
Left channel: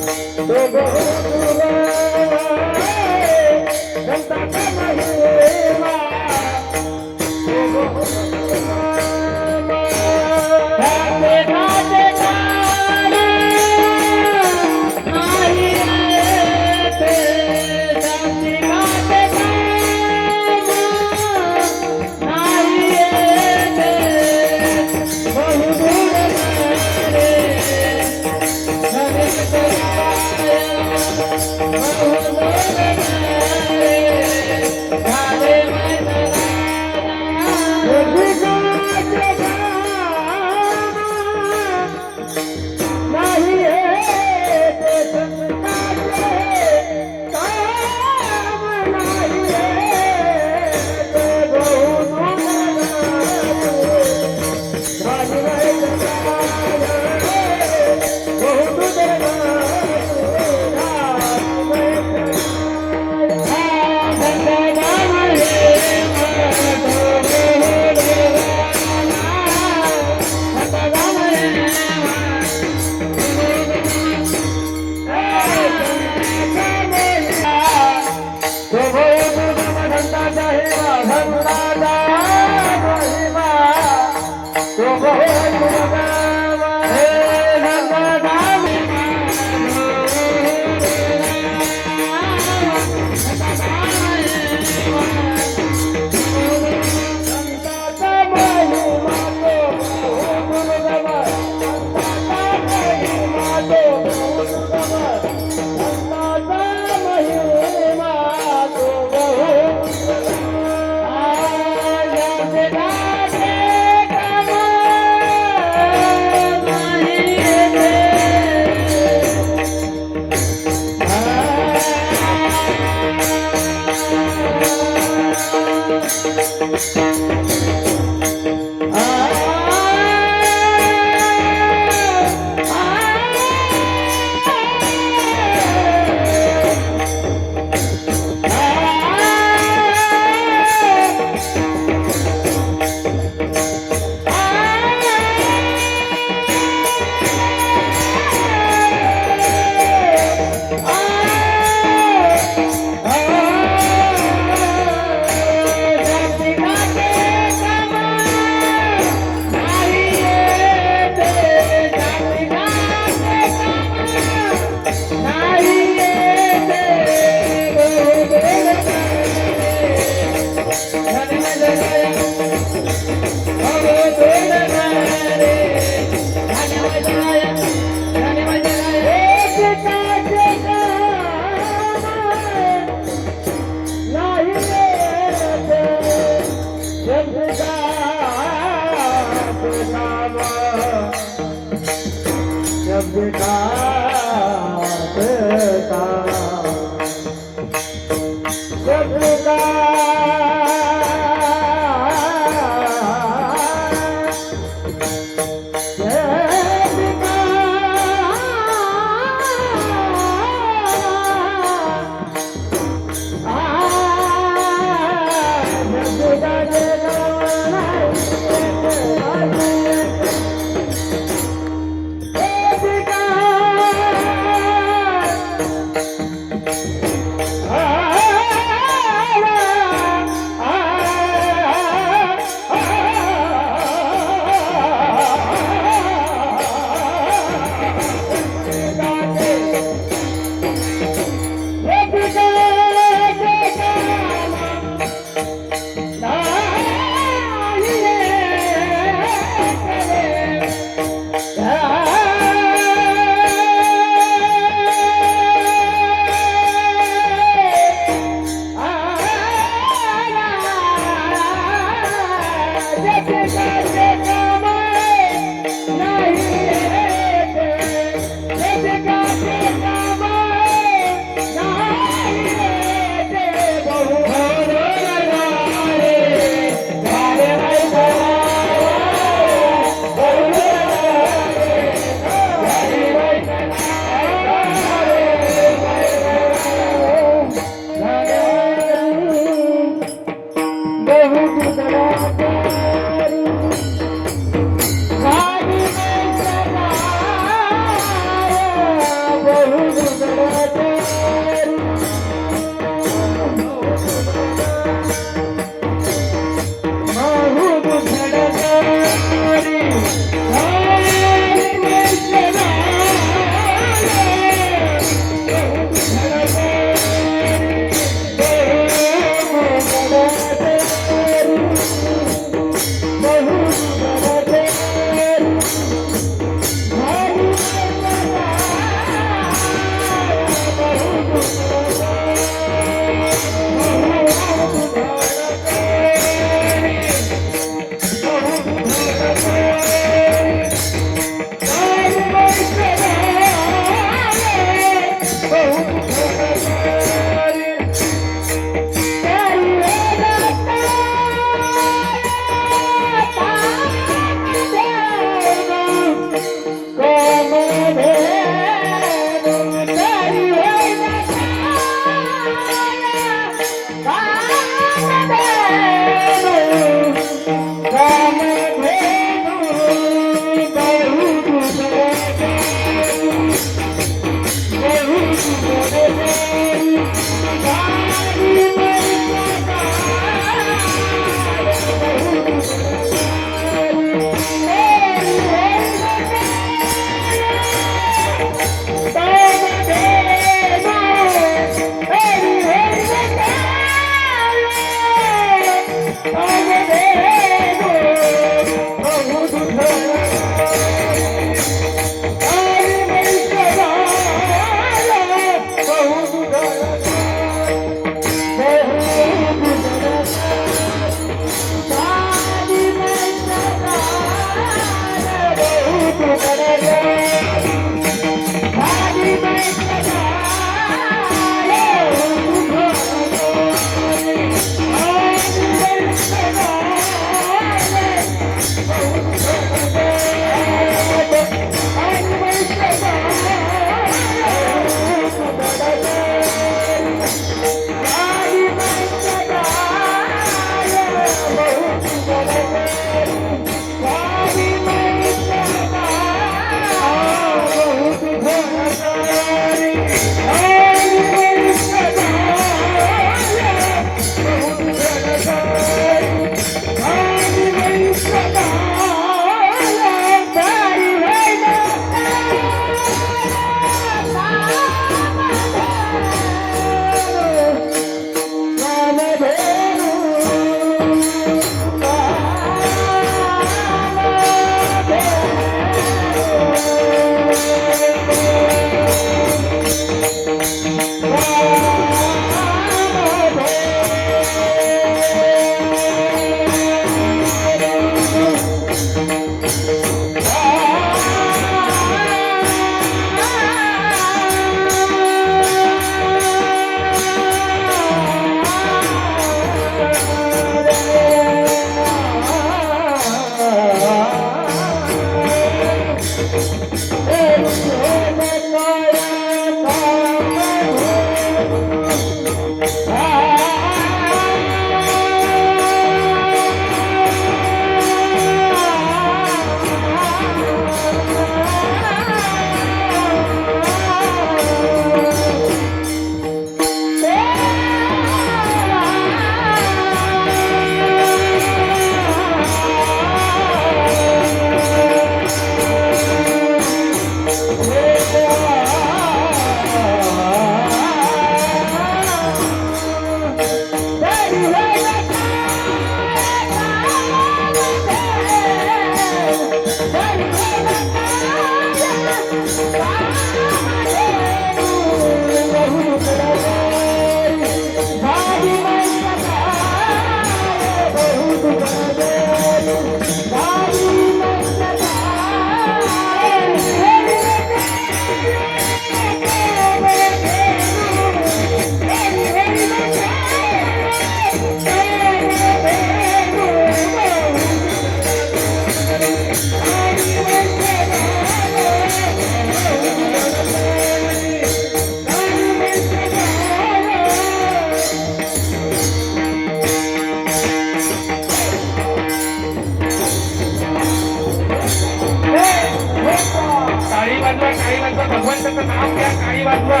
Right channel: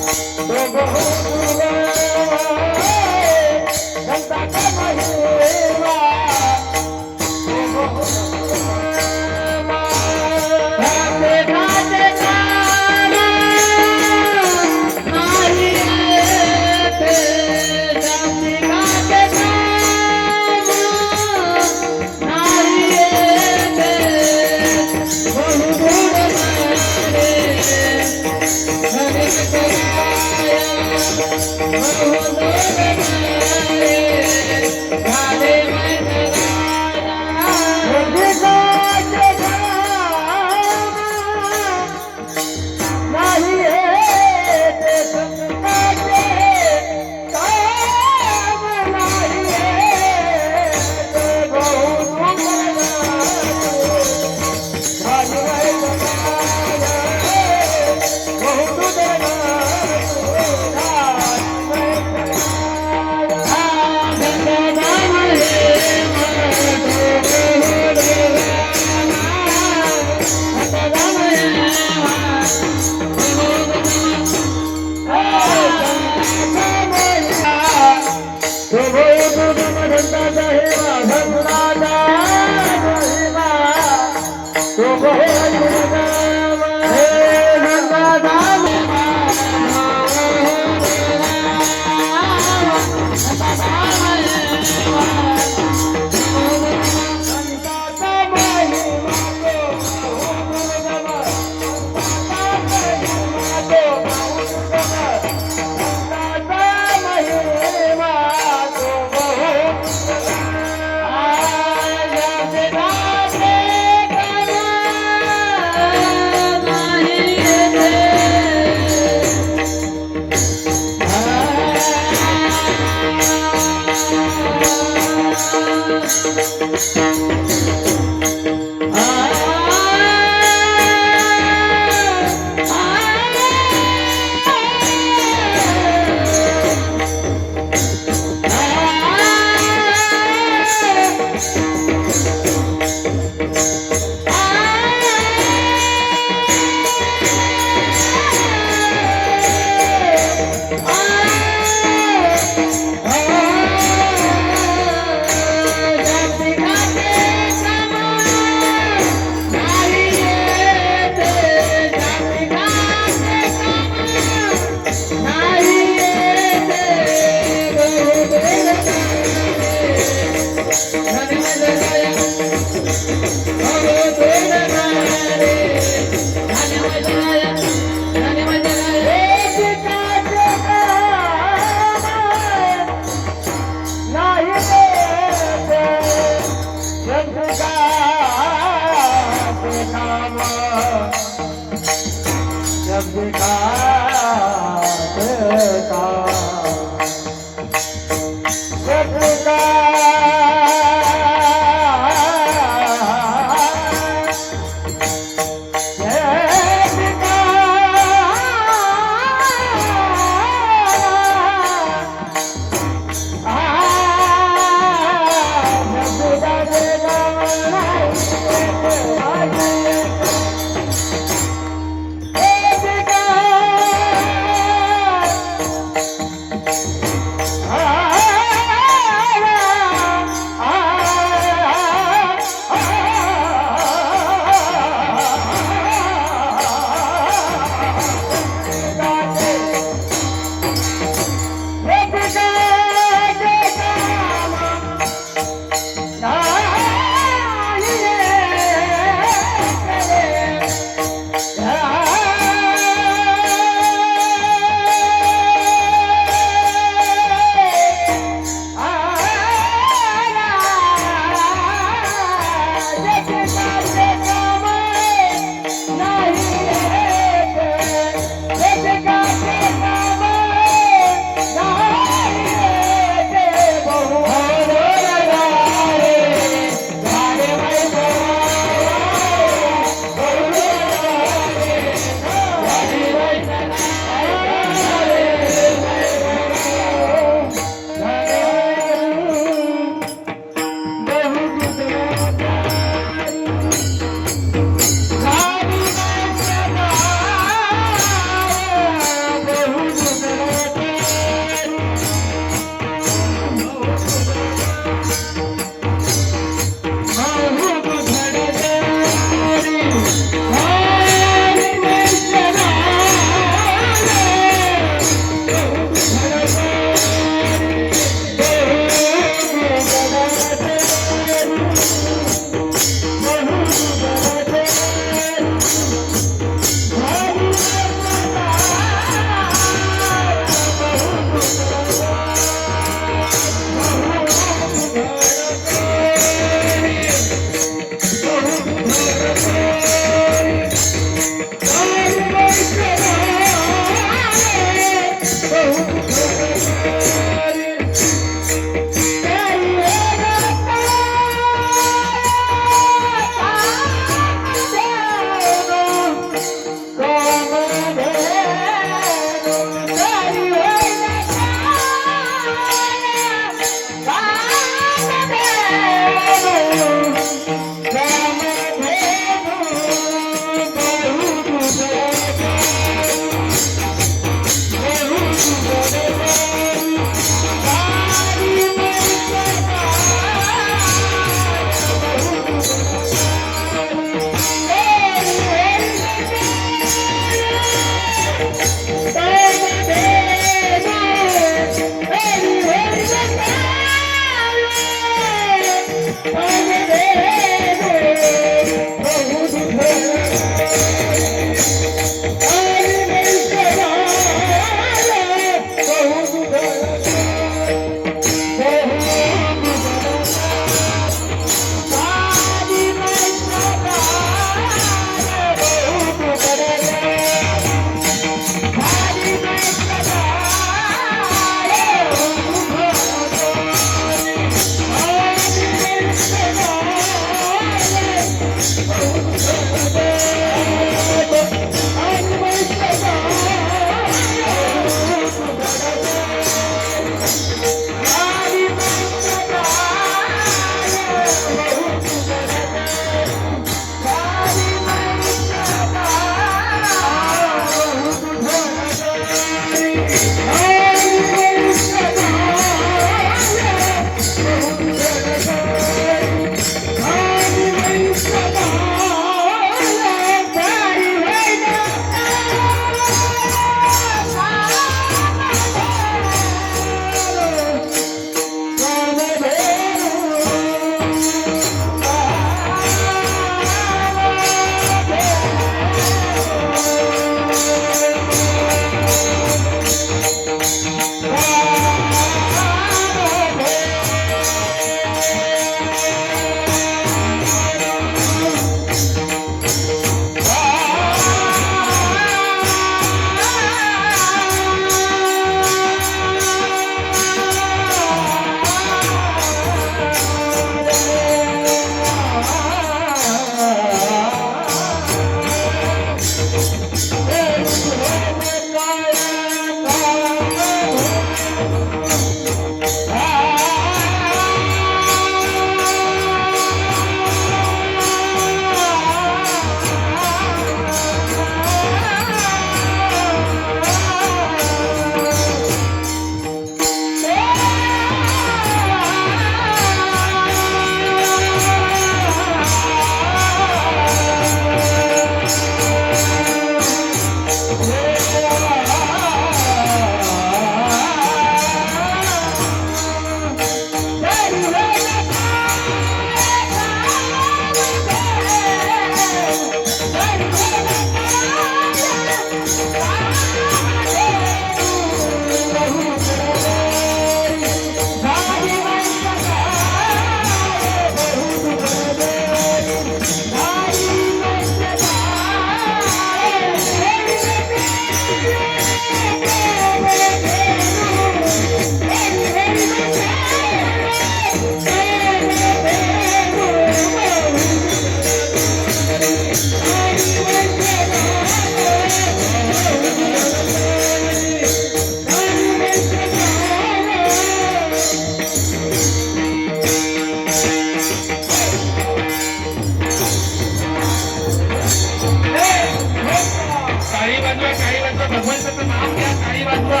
भगवंताचं नाम घ्या, काळी वाजवा.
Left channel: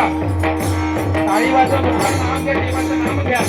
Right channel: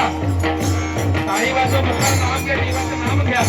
काळी वाजवा, भगवान नाम घ्या, देवाचं नाम घ्या.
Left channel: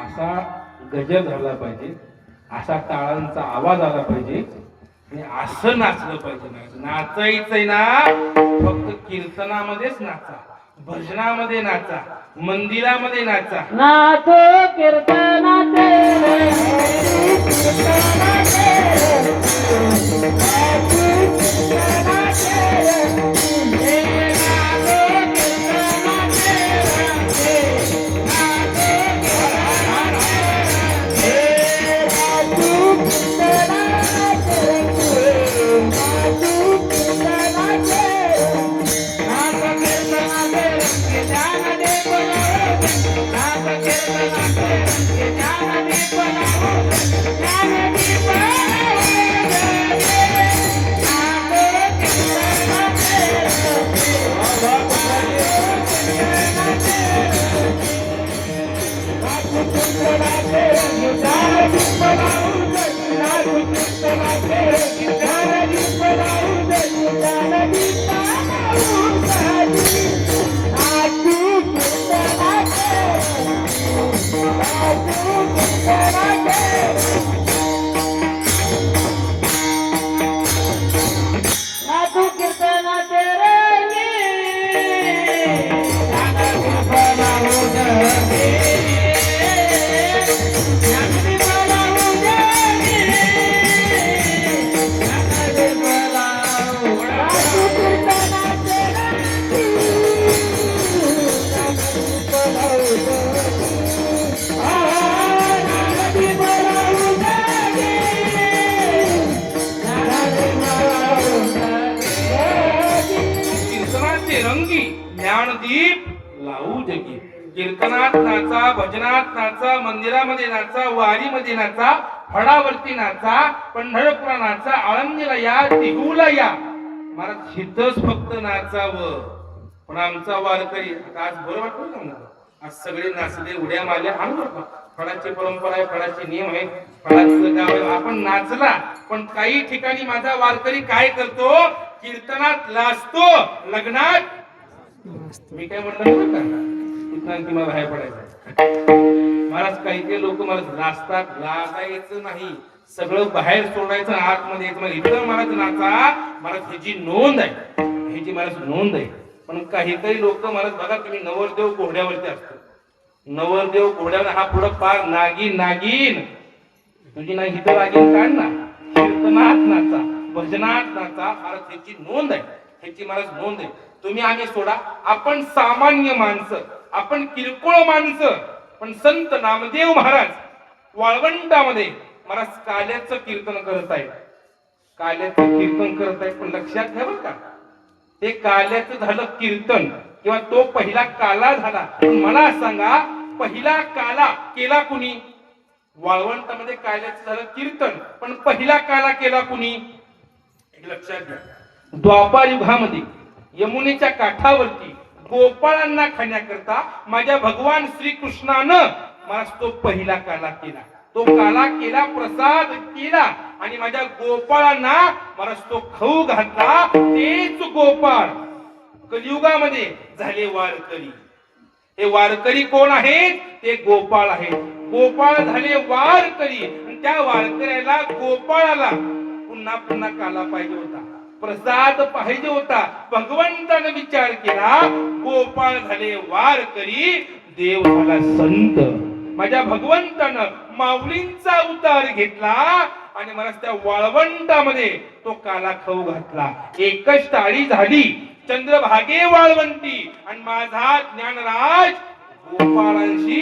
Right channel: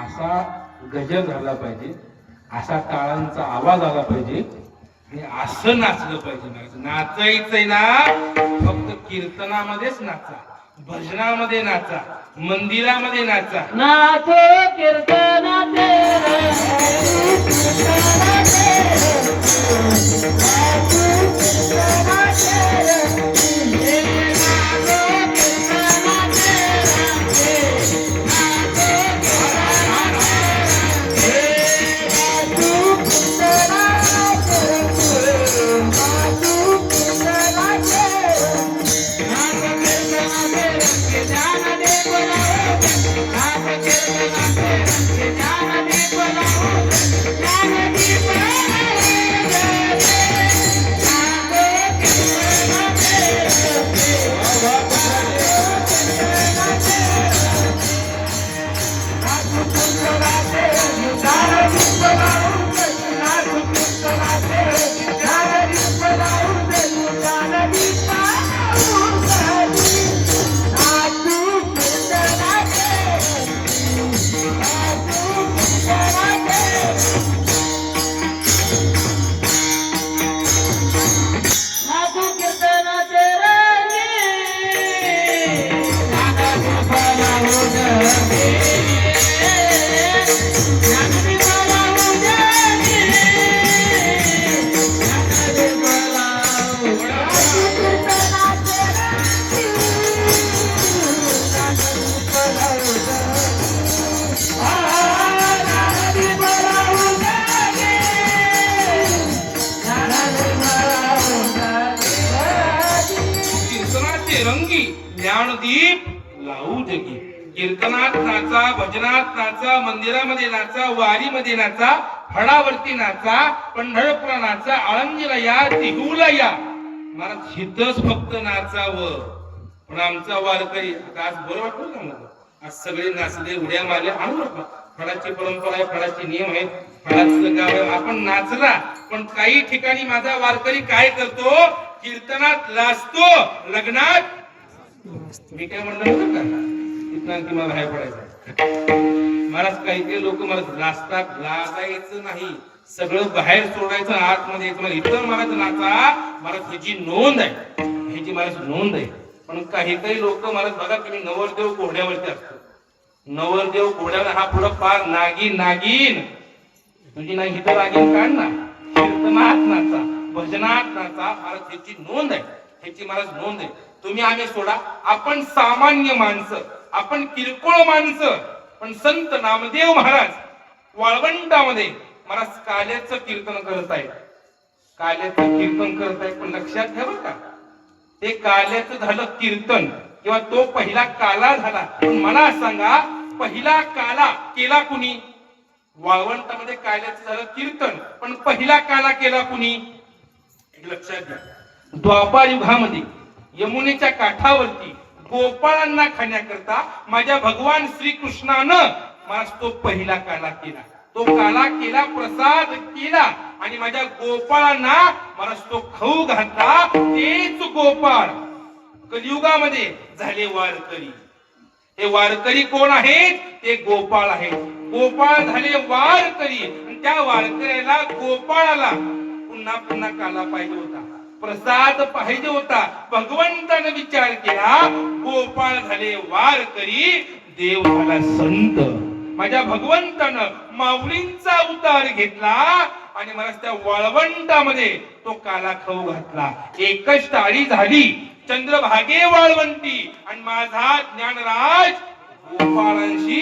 असा गजर झाला पाहिजे असा टाळांचा आवाज आला पाहिजे आणि असं नाचलं पाहिजे. नाचायचंय ना फक्त कीर्तनामध्येच नाचा, भजनामध्ये नाचा, मंदिरामध्ये नाचा. नाचो कीर्तनाचे कीर्तनाचे रंगी ज्ञानदीप लावू जगी. कीर्तनात नाचा, भजनात नाचा, मंदिरामध्ये नाचा, वारीमध्ये नाचा, फळावरती नाचा, पंढरपूरला नाचा, आळंदीला या, देहूला या. मला हितच फक्त नाचावं. पण आमचा वारकरी आता आज बरं वाटलं ना मला. आज सगळे नाचले, उड्या मारल्या. आणू नका, फळाची परंपरा आहे, फळाचे नियम आहेत, फळाचं गाव आहे. आपण नाचला, पण काही ठिकाणी माझा वारकरी काय करतो, कीर्तनात लाजतो, लग्नात मी काय म्हणलं इथं आणखी मला बाहेर पडायचं. महाराज काही काही लोक मला लाजतात. लाजायचं नाही, सगळं बाहेर सोडायचं, आतमध्ये यायचं. मला इथं मला नाचा, मला ह्याची नोंद आहे, ह्याची मला नोंद आहे. पण काही काही लोक मला बघा, तुम्ही नवरदेव घोड्यावरती असतो, नवरदेव घोड्यावर हा पुढं पार नागिन नागिन तुझी नाही हिथं नागिन काढ ना. कीर्तनात नाचा, भजनात नाचा, मला ह्याची नोंद आहे, ह्याची मला नोंद आहे. तुम्ही आम्ही सोडा, आपण सामान्य माणसं, आपण किरकोळ माणसं. पण संत नामदेव महाराज वाळवंटामध्ये मला काल्याचं कीर्तन करत आहेत, काल्याचं कीर्तन करत आहेत. पण लक्षात घ्या बरं का, ते काल्याचं झालं कीर्तन किंवा तो पहिला काला झाला. पण मला सांगा, पहिला काला केला कुणी? वाळवंटामध्ये काल्याचं झालं कीर्तन, पण पहिला काला केला कुणी? लक्षात घ्या, द्वापार युगामध्ये यमुनेच्या काठावरती गोपाळांना खाण्याकरता माझ्या भगवान श्रीकृष्णानं मला तो पहिला काला केला. तो काला केला, प्रसाद केला आणि माझ्या गोपाळांना मला तो खाऊ घातला. तेच गोपाळ कलियुगामध्ये झाले वारकरी. हे वारकरी कोण आहेत? ते गोपाळ आहेत. गोपाळ झाले वारकरी आणि त्या वारकऱ्याला, गोपाळाला पुन्हा पुन्हा काला पाहिजे होता, प्रसाद पाहिजे होता. भगवंताने विचार केला, गोपाळ झाले वारकरी, देव झाला संत. माझ्या भगवंतानं माऊलींचा अवतार घेतला आणि मला त्या वाळवंटामध्ये तो काला खाऊ घातला. एकच टाळी झाली, चंद्रभागे वाळवंटी आणि माझा ज्ञानराज गोपाळांशी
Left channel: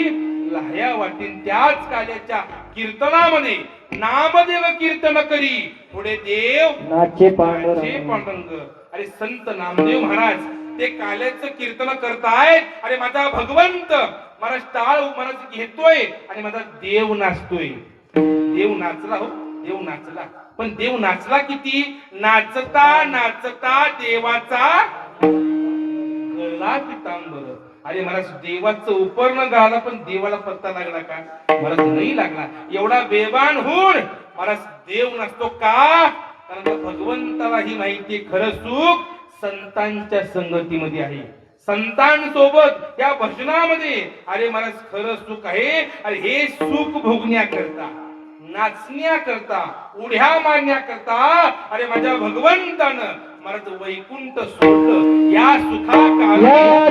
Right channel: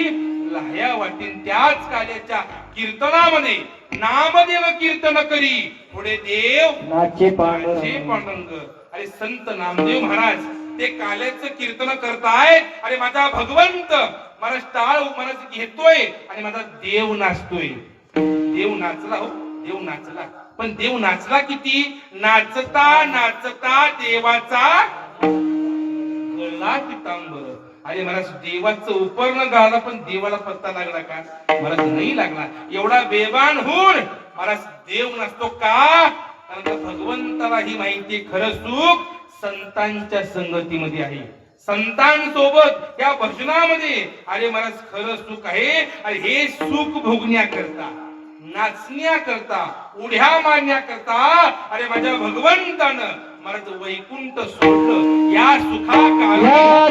लाह्या वाटीन. त्याच काल्याच्या कीर्तनामध्ये नामदेव कीर्तन करी, पुढे देव नाचे पांडुरंग. पांडुरंग. अरे संत नामदेव महाराज ते काल्याचं कीर्तन करतायत. अरे माझा भगवंत मला टाळ मला घेतोय आणि माझा देव नाचतोय. देव नाचला, हो देव नाचला. पण देव नाचला किती? नाचता नाचता देवाचा गळा पितांबर. अरे मला देवाचं उपरण गाळलं, पण देवाला पत्ता लागला का? मला नाही लागला. एवढा बेबान होऊन मला देव नसतो का? कारण भगवंताला ही माहिती, खरं सुख संतांच्या संगतीमध्ये आहे, संतांसोबत या भजनामध्ये. अरे मला खरं सुख आहे. अरे हे सुख भोगण्याकरता नाचण्याकरता उड्या मारण्याकरता अरे माझ्या भगवंतानं मला तर वैकुंठ सोडलं या सुखा या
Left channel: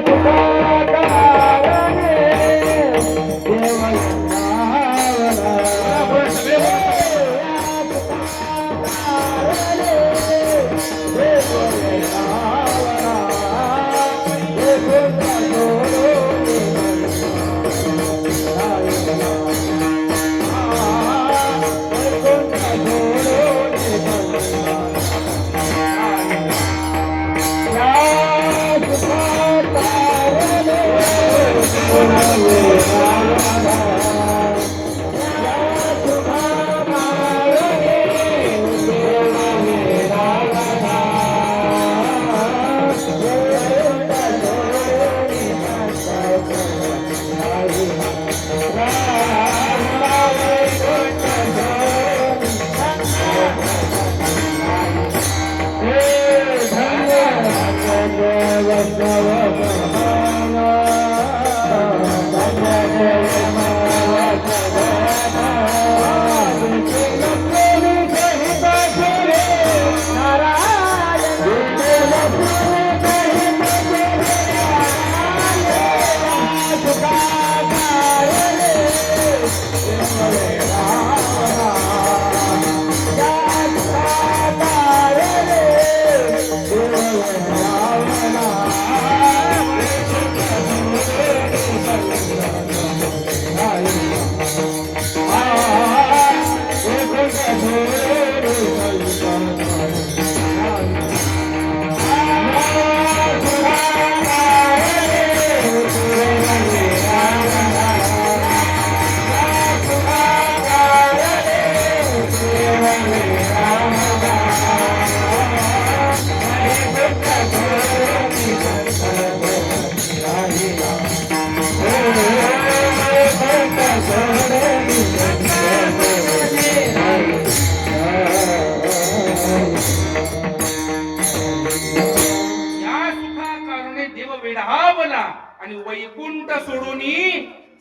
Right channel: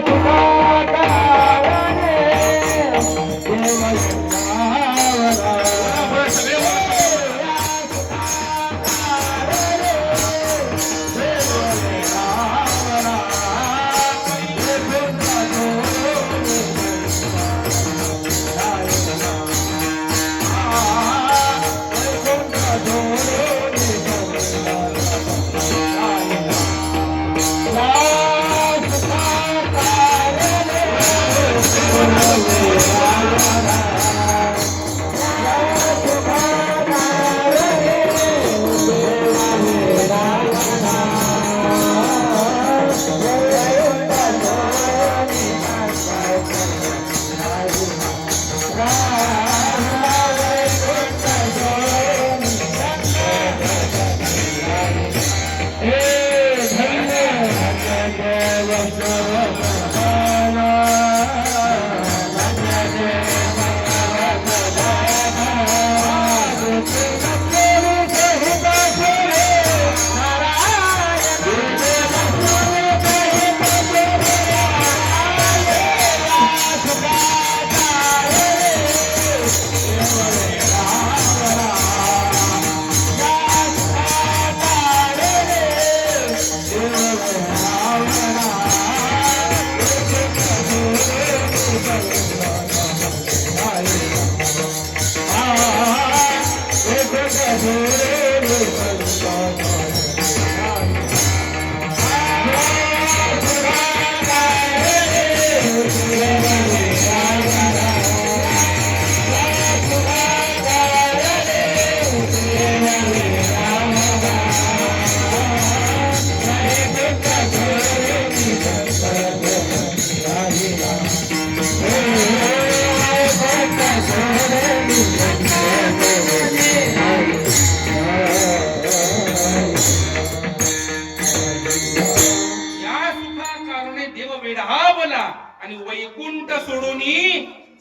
तुकाराने देव आणि वैकुंठ सोडून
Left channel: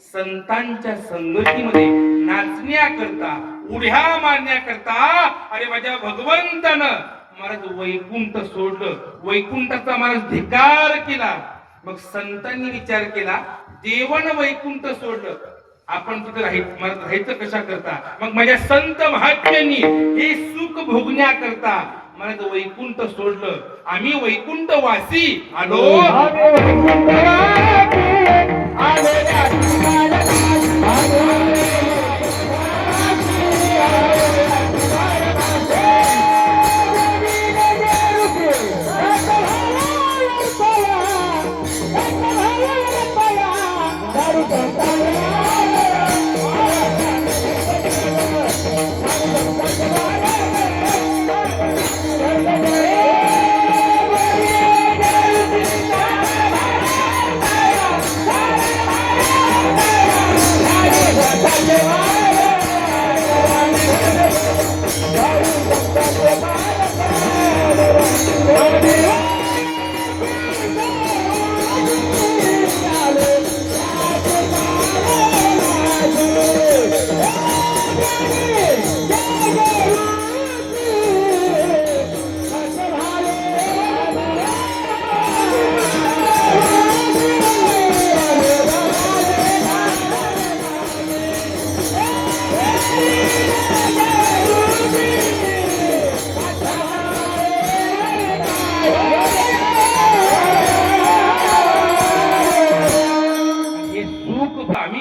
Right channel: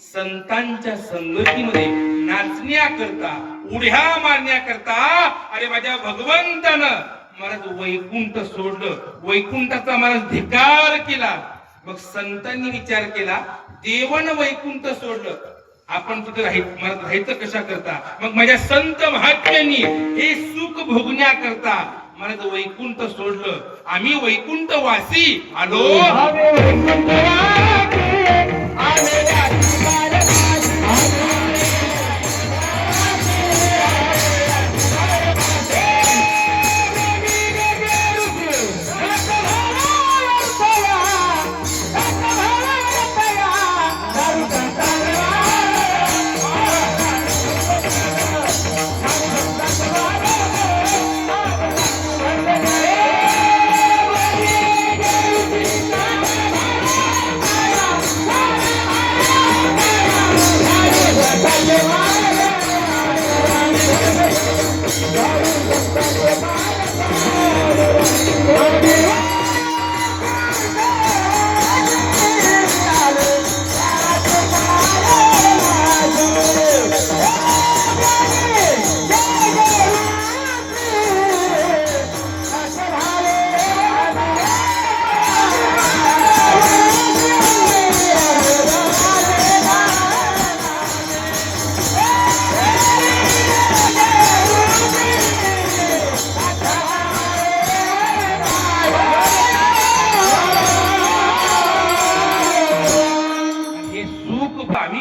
संतांच्या संगतीमध्ये नाचण्याकरता उड्या मारण्याकरता अरे माझ्या भगवंतानं मला वैकुंठ सोडलं वैकुंठाचा मला धिक्कार केला मग संतांनी विचार केला देवन वैकुंठ सोडलं आपण तिथं राहायचं कशा करता मग माझ्या संत महात्म्यांनी हे सुख भोगण्याकरता मला वैकुंठ सोडलं आम्ही वैकुंठ वासी आलो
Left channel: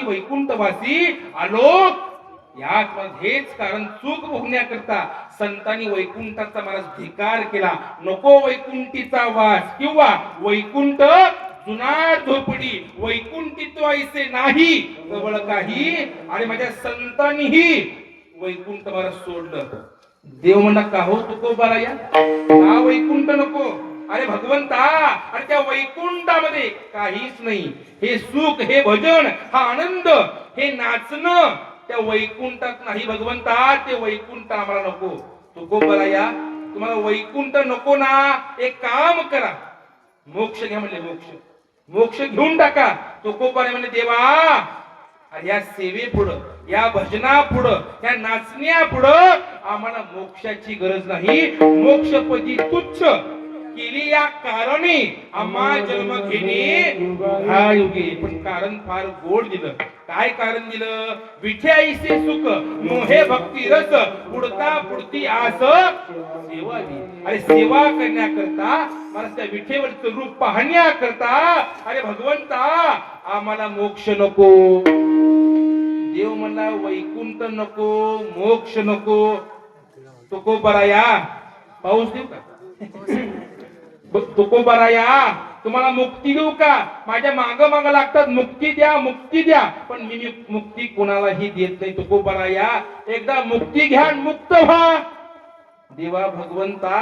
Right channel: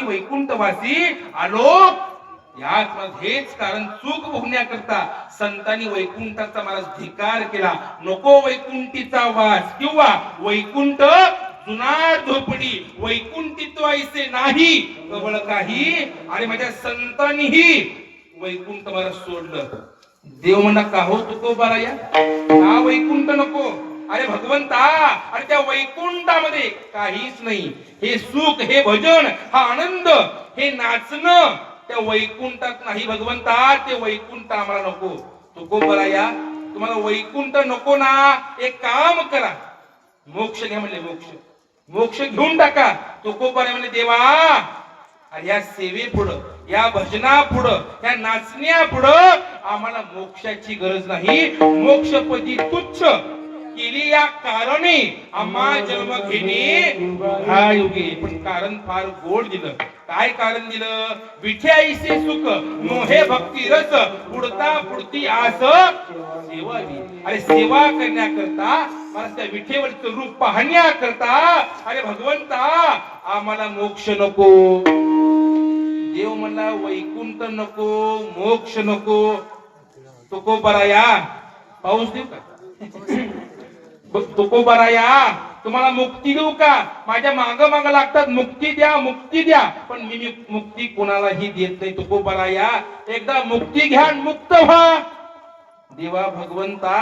वैकुंठवासी आलो याच कारण चूक भोगण्याकरता संतांनी वैकुंठाचा मला धिकार केला नको वैकुंठीचा वास किंवा वैकुंठ जुनाट झोपडी वैकुंठित्व ऐसे नाही कवळ काही आणि माझ्या संतांनीही वैकुंठ मला सोडलं देव म्हणा का हो तुकोबाला या का वैकुंठ नको अरे भगवंता अरे त्या वैकुंठामध्ये काहीच नाही हे सुख हे भजन हा आनंद हे नाचणं त्या वैकुंठात नाही भगवंता ते वैकुंठ आम्हाला नको तुकोबाला या तुम्हाला वैकुंठ नको ना एक काम करा मोक्ष घ्या म्हणले मोक्ष घेऊन टाका तुकोबाला म्हणले देवा आणि या सेवेपुढं, या भजनापुढं, या नाचण्यापुढं आम्हाला मोक्षाची गरज नाही. मोक्षपदी तुच्छ केली या कारणे आम्हा जन्म घेणे हा योगी. पण कारण फार गोड दिलं. काय कारण दिलं? विठ्याईसे सुख मोहे भक्ती रस पुढता पुढती आस सेवा दी. अरे सेवा करण्याकरता, मला त्या विठेवरचं रूप पाहण्याकरता, अरे भगवंता आम्हाला मोक्ष नको. देव म्हणला वैकुंठ नको, मोक्ष नको. तुकोबराया पाऊस देऊ का? तुकोबराया तुम्हाला मुक्ती देऊ का? माझ्या माग माग लागतात, मुक्ती द्या, मुक्ती द्या. पण मी मुक्ती कोणालाही देत नाही. तुकोबराया एकदा मुक्ती घ्या, मुक्त व्हा. देवा भगवंता,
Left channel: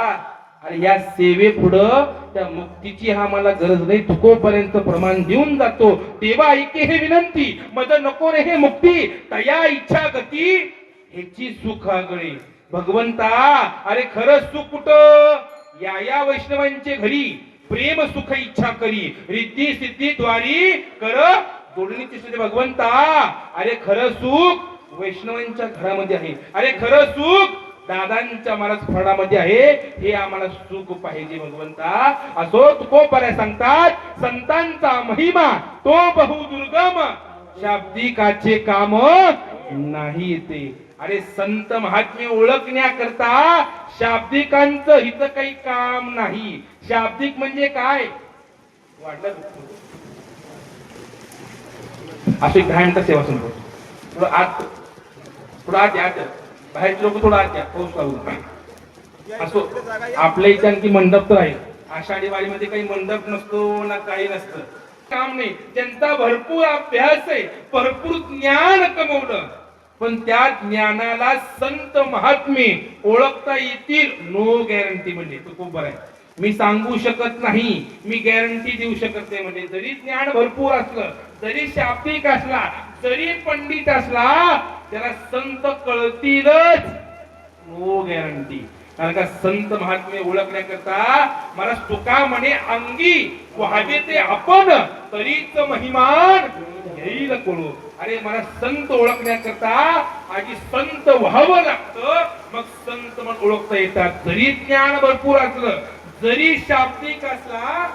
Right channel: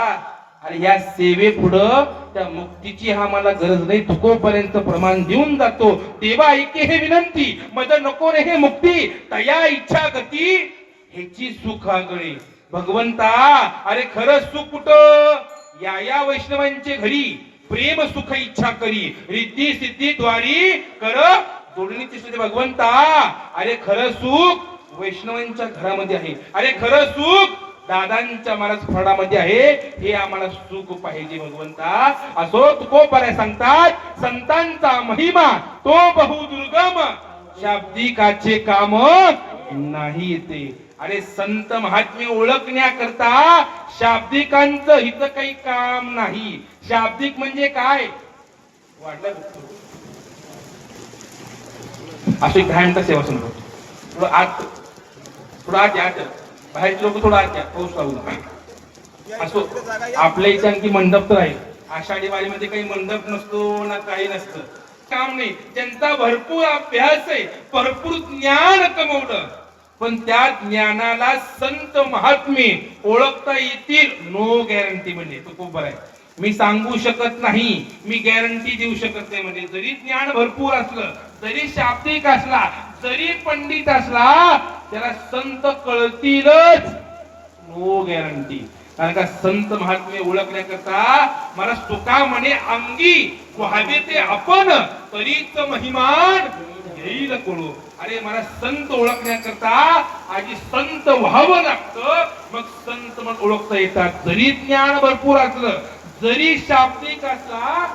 अरे या सेवे पुढं त्या मुक्तीची आम्हाला गरज नाही. तुकोपर्यंत प्रमाण देऊन जातो. देवा ऐके हे विनंती, मज नको रे हे मुक्ती, तया इच्छा गती ह्याची सुख आगळे. भगवंता अरे खरं सुख कुठं? या वैष्णवांचे घरी प्रेम सुख इच्छा करी, रिद्धी सिद्धी द्वारी कर जोडणीची स्थिती. भगवंता अरे खरं सुख वैष्णवांच्या घरामध्ये आहे. अरे खरं सुख दादांच्या महाराज फडामध्ये आहे. हे आम्हाला सुख पाहिजे भगवंता. असो तुकोबराय सांगतात, संतांचा महिमा तो बहुदुर्गम, शाब्दिकाचे काम नाही येते. अरे संत महात्म्य ओळखण्याकरता शाब्दिकांचं हिचं काही काम नाही. शाब्दिक म्हणजे काय? वाटलं असं 10 मिनिटं सेवा संपतो. थोडं आत या. बाहेरचे लोक थोडं आत या, पाऊस लागून. असो आपल्या इथे आणखी मंडप तर आहे. आषाढी वारीमध्ये काही मंडप नसतो ना काही नसतं, काम नाही. त्यांचा भरपूर अभ्यास आहे, भरपूर ज्ञान कमवलं, पण त्या ज्ञानाला संत महात्मे ओळखता येतील नो गॅरंटी. म्हणजे तो खूप बरं आहे. मी सांगू शकत नाही, मी गॅरंटी देऊ शकत नाही. म्हणजे जरी ज्ञान भरपूर असलं, जरी शाब्दिक असला, जरी पंडित असला, त्याला संत कळतीलच नो गॅरंटी. कारण का संत महात्मे ओळखण्याकरता मला तुका म्हणे अंगी व्हावे ते आपण, तरीच महिमान येईल कोळो. अरे मला संत ओळखण्याकरता आधी संत व्हावं लागतं, मग संत म्हणून ओळखता येतात. जरी ज्ञान भरपूर असलं, जरी शाब्दिक असला,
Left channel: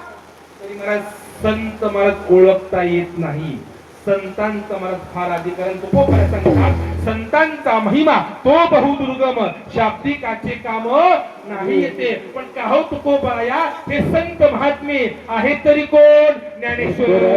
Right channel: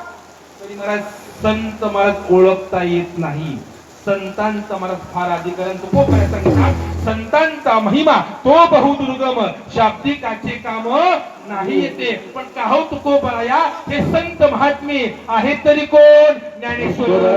तरी मला संत मला ओळखता येत नाही. संतांचा मला फार अधिकाऱ्यांचा संतांचा महिमा तो बहुदुर्गम, शाब्दिकाचे काम नाही येते. पण का हो तुकोबराया, हे संत महात्मे आहे तरी कोण? Dnyaneshwar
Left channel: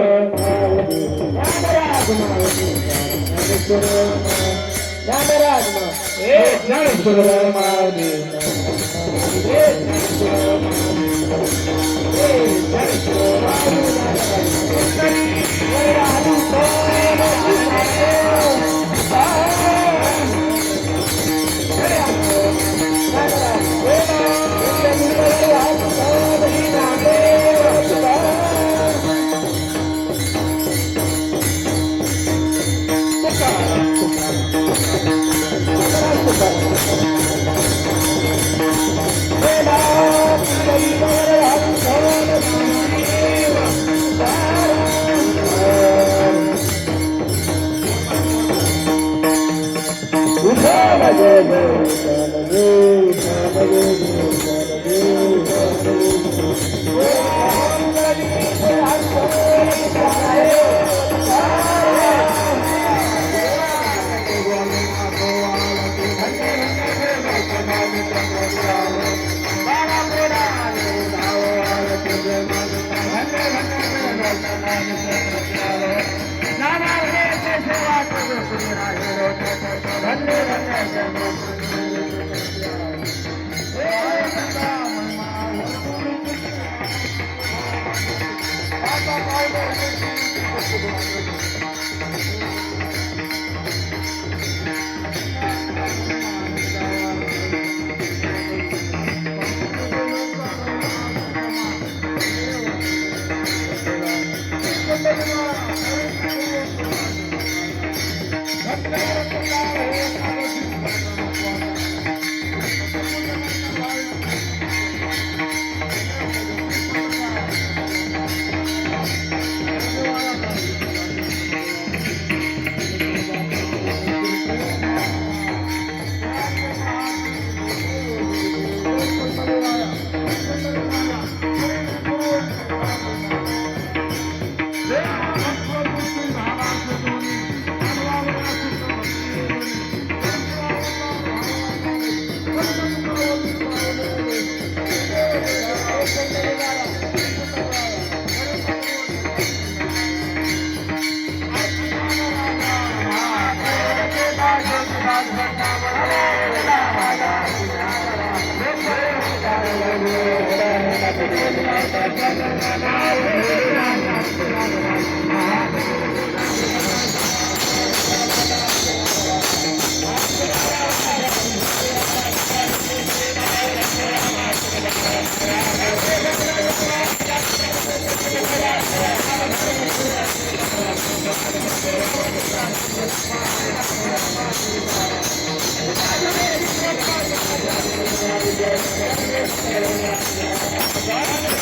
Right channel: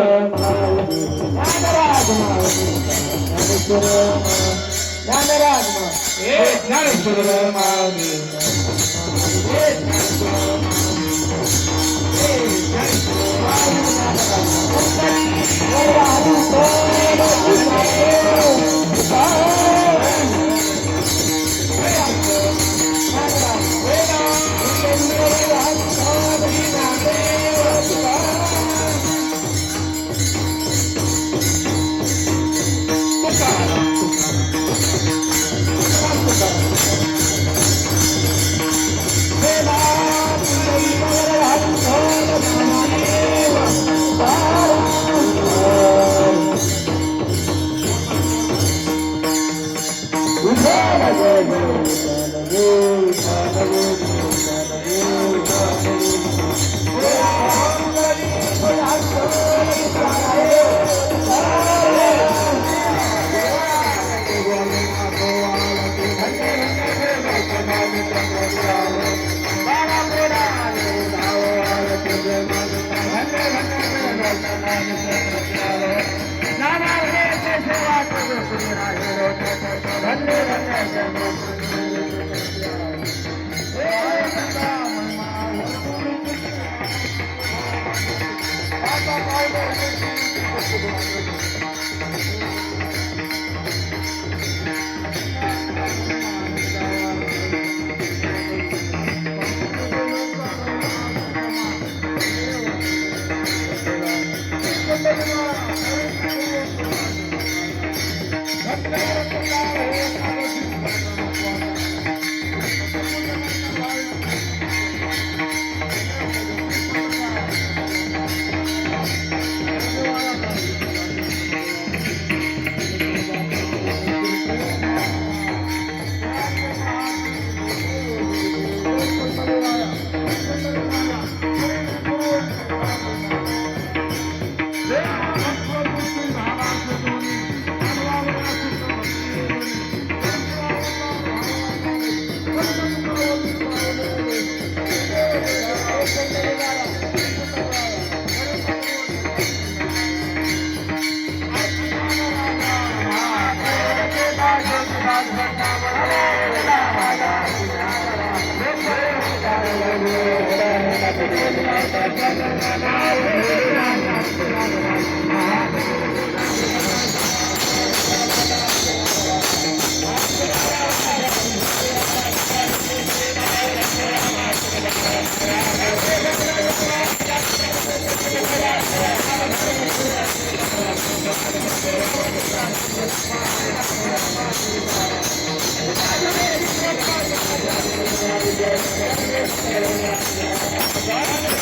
Thank you.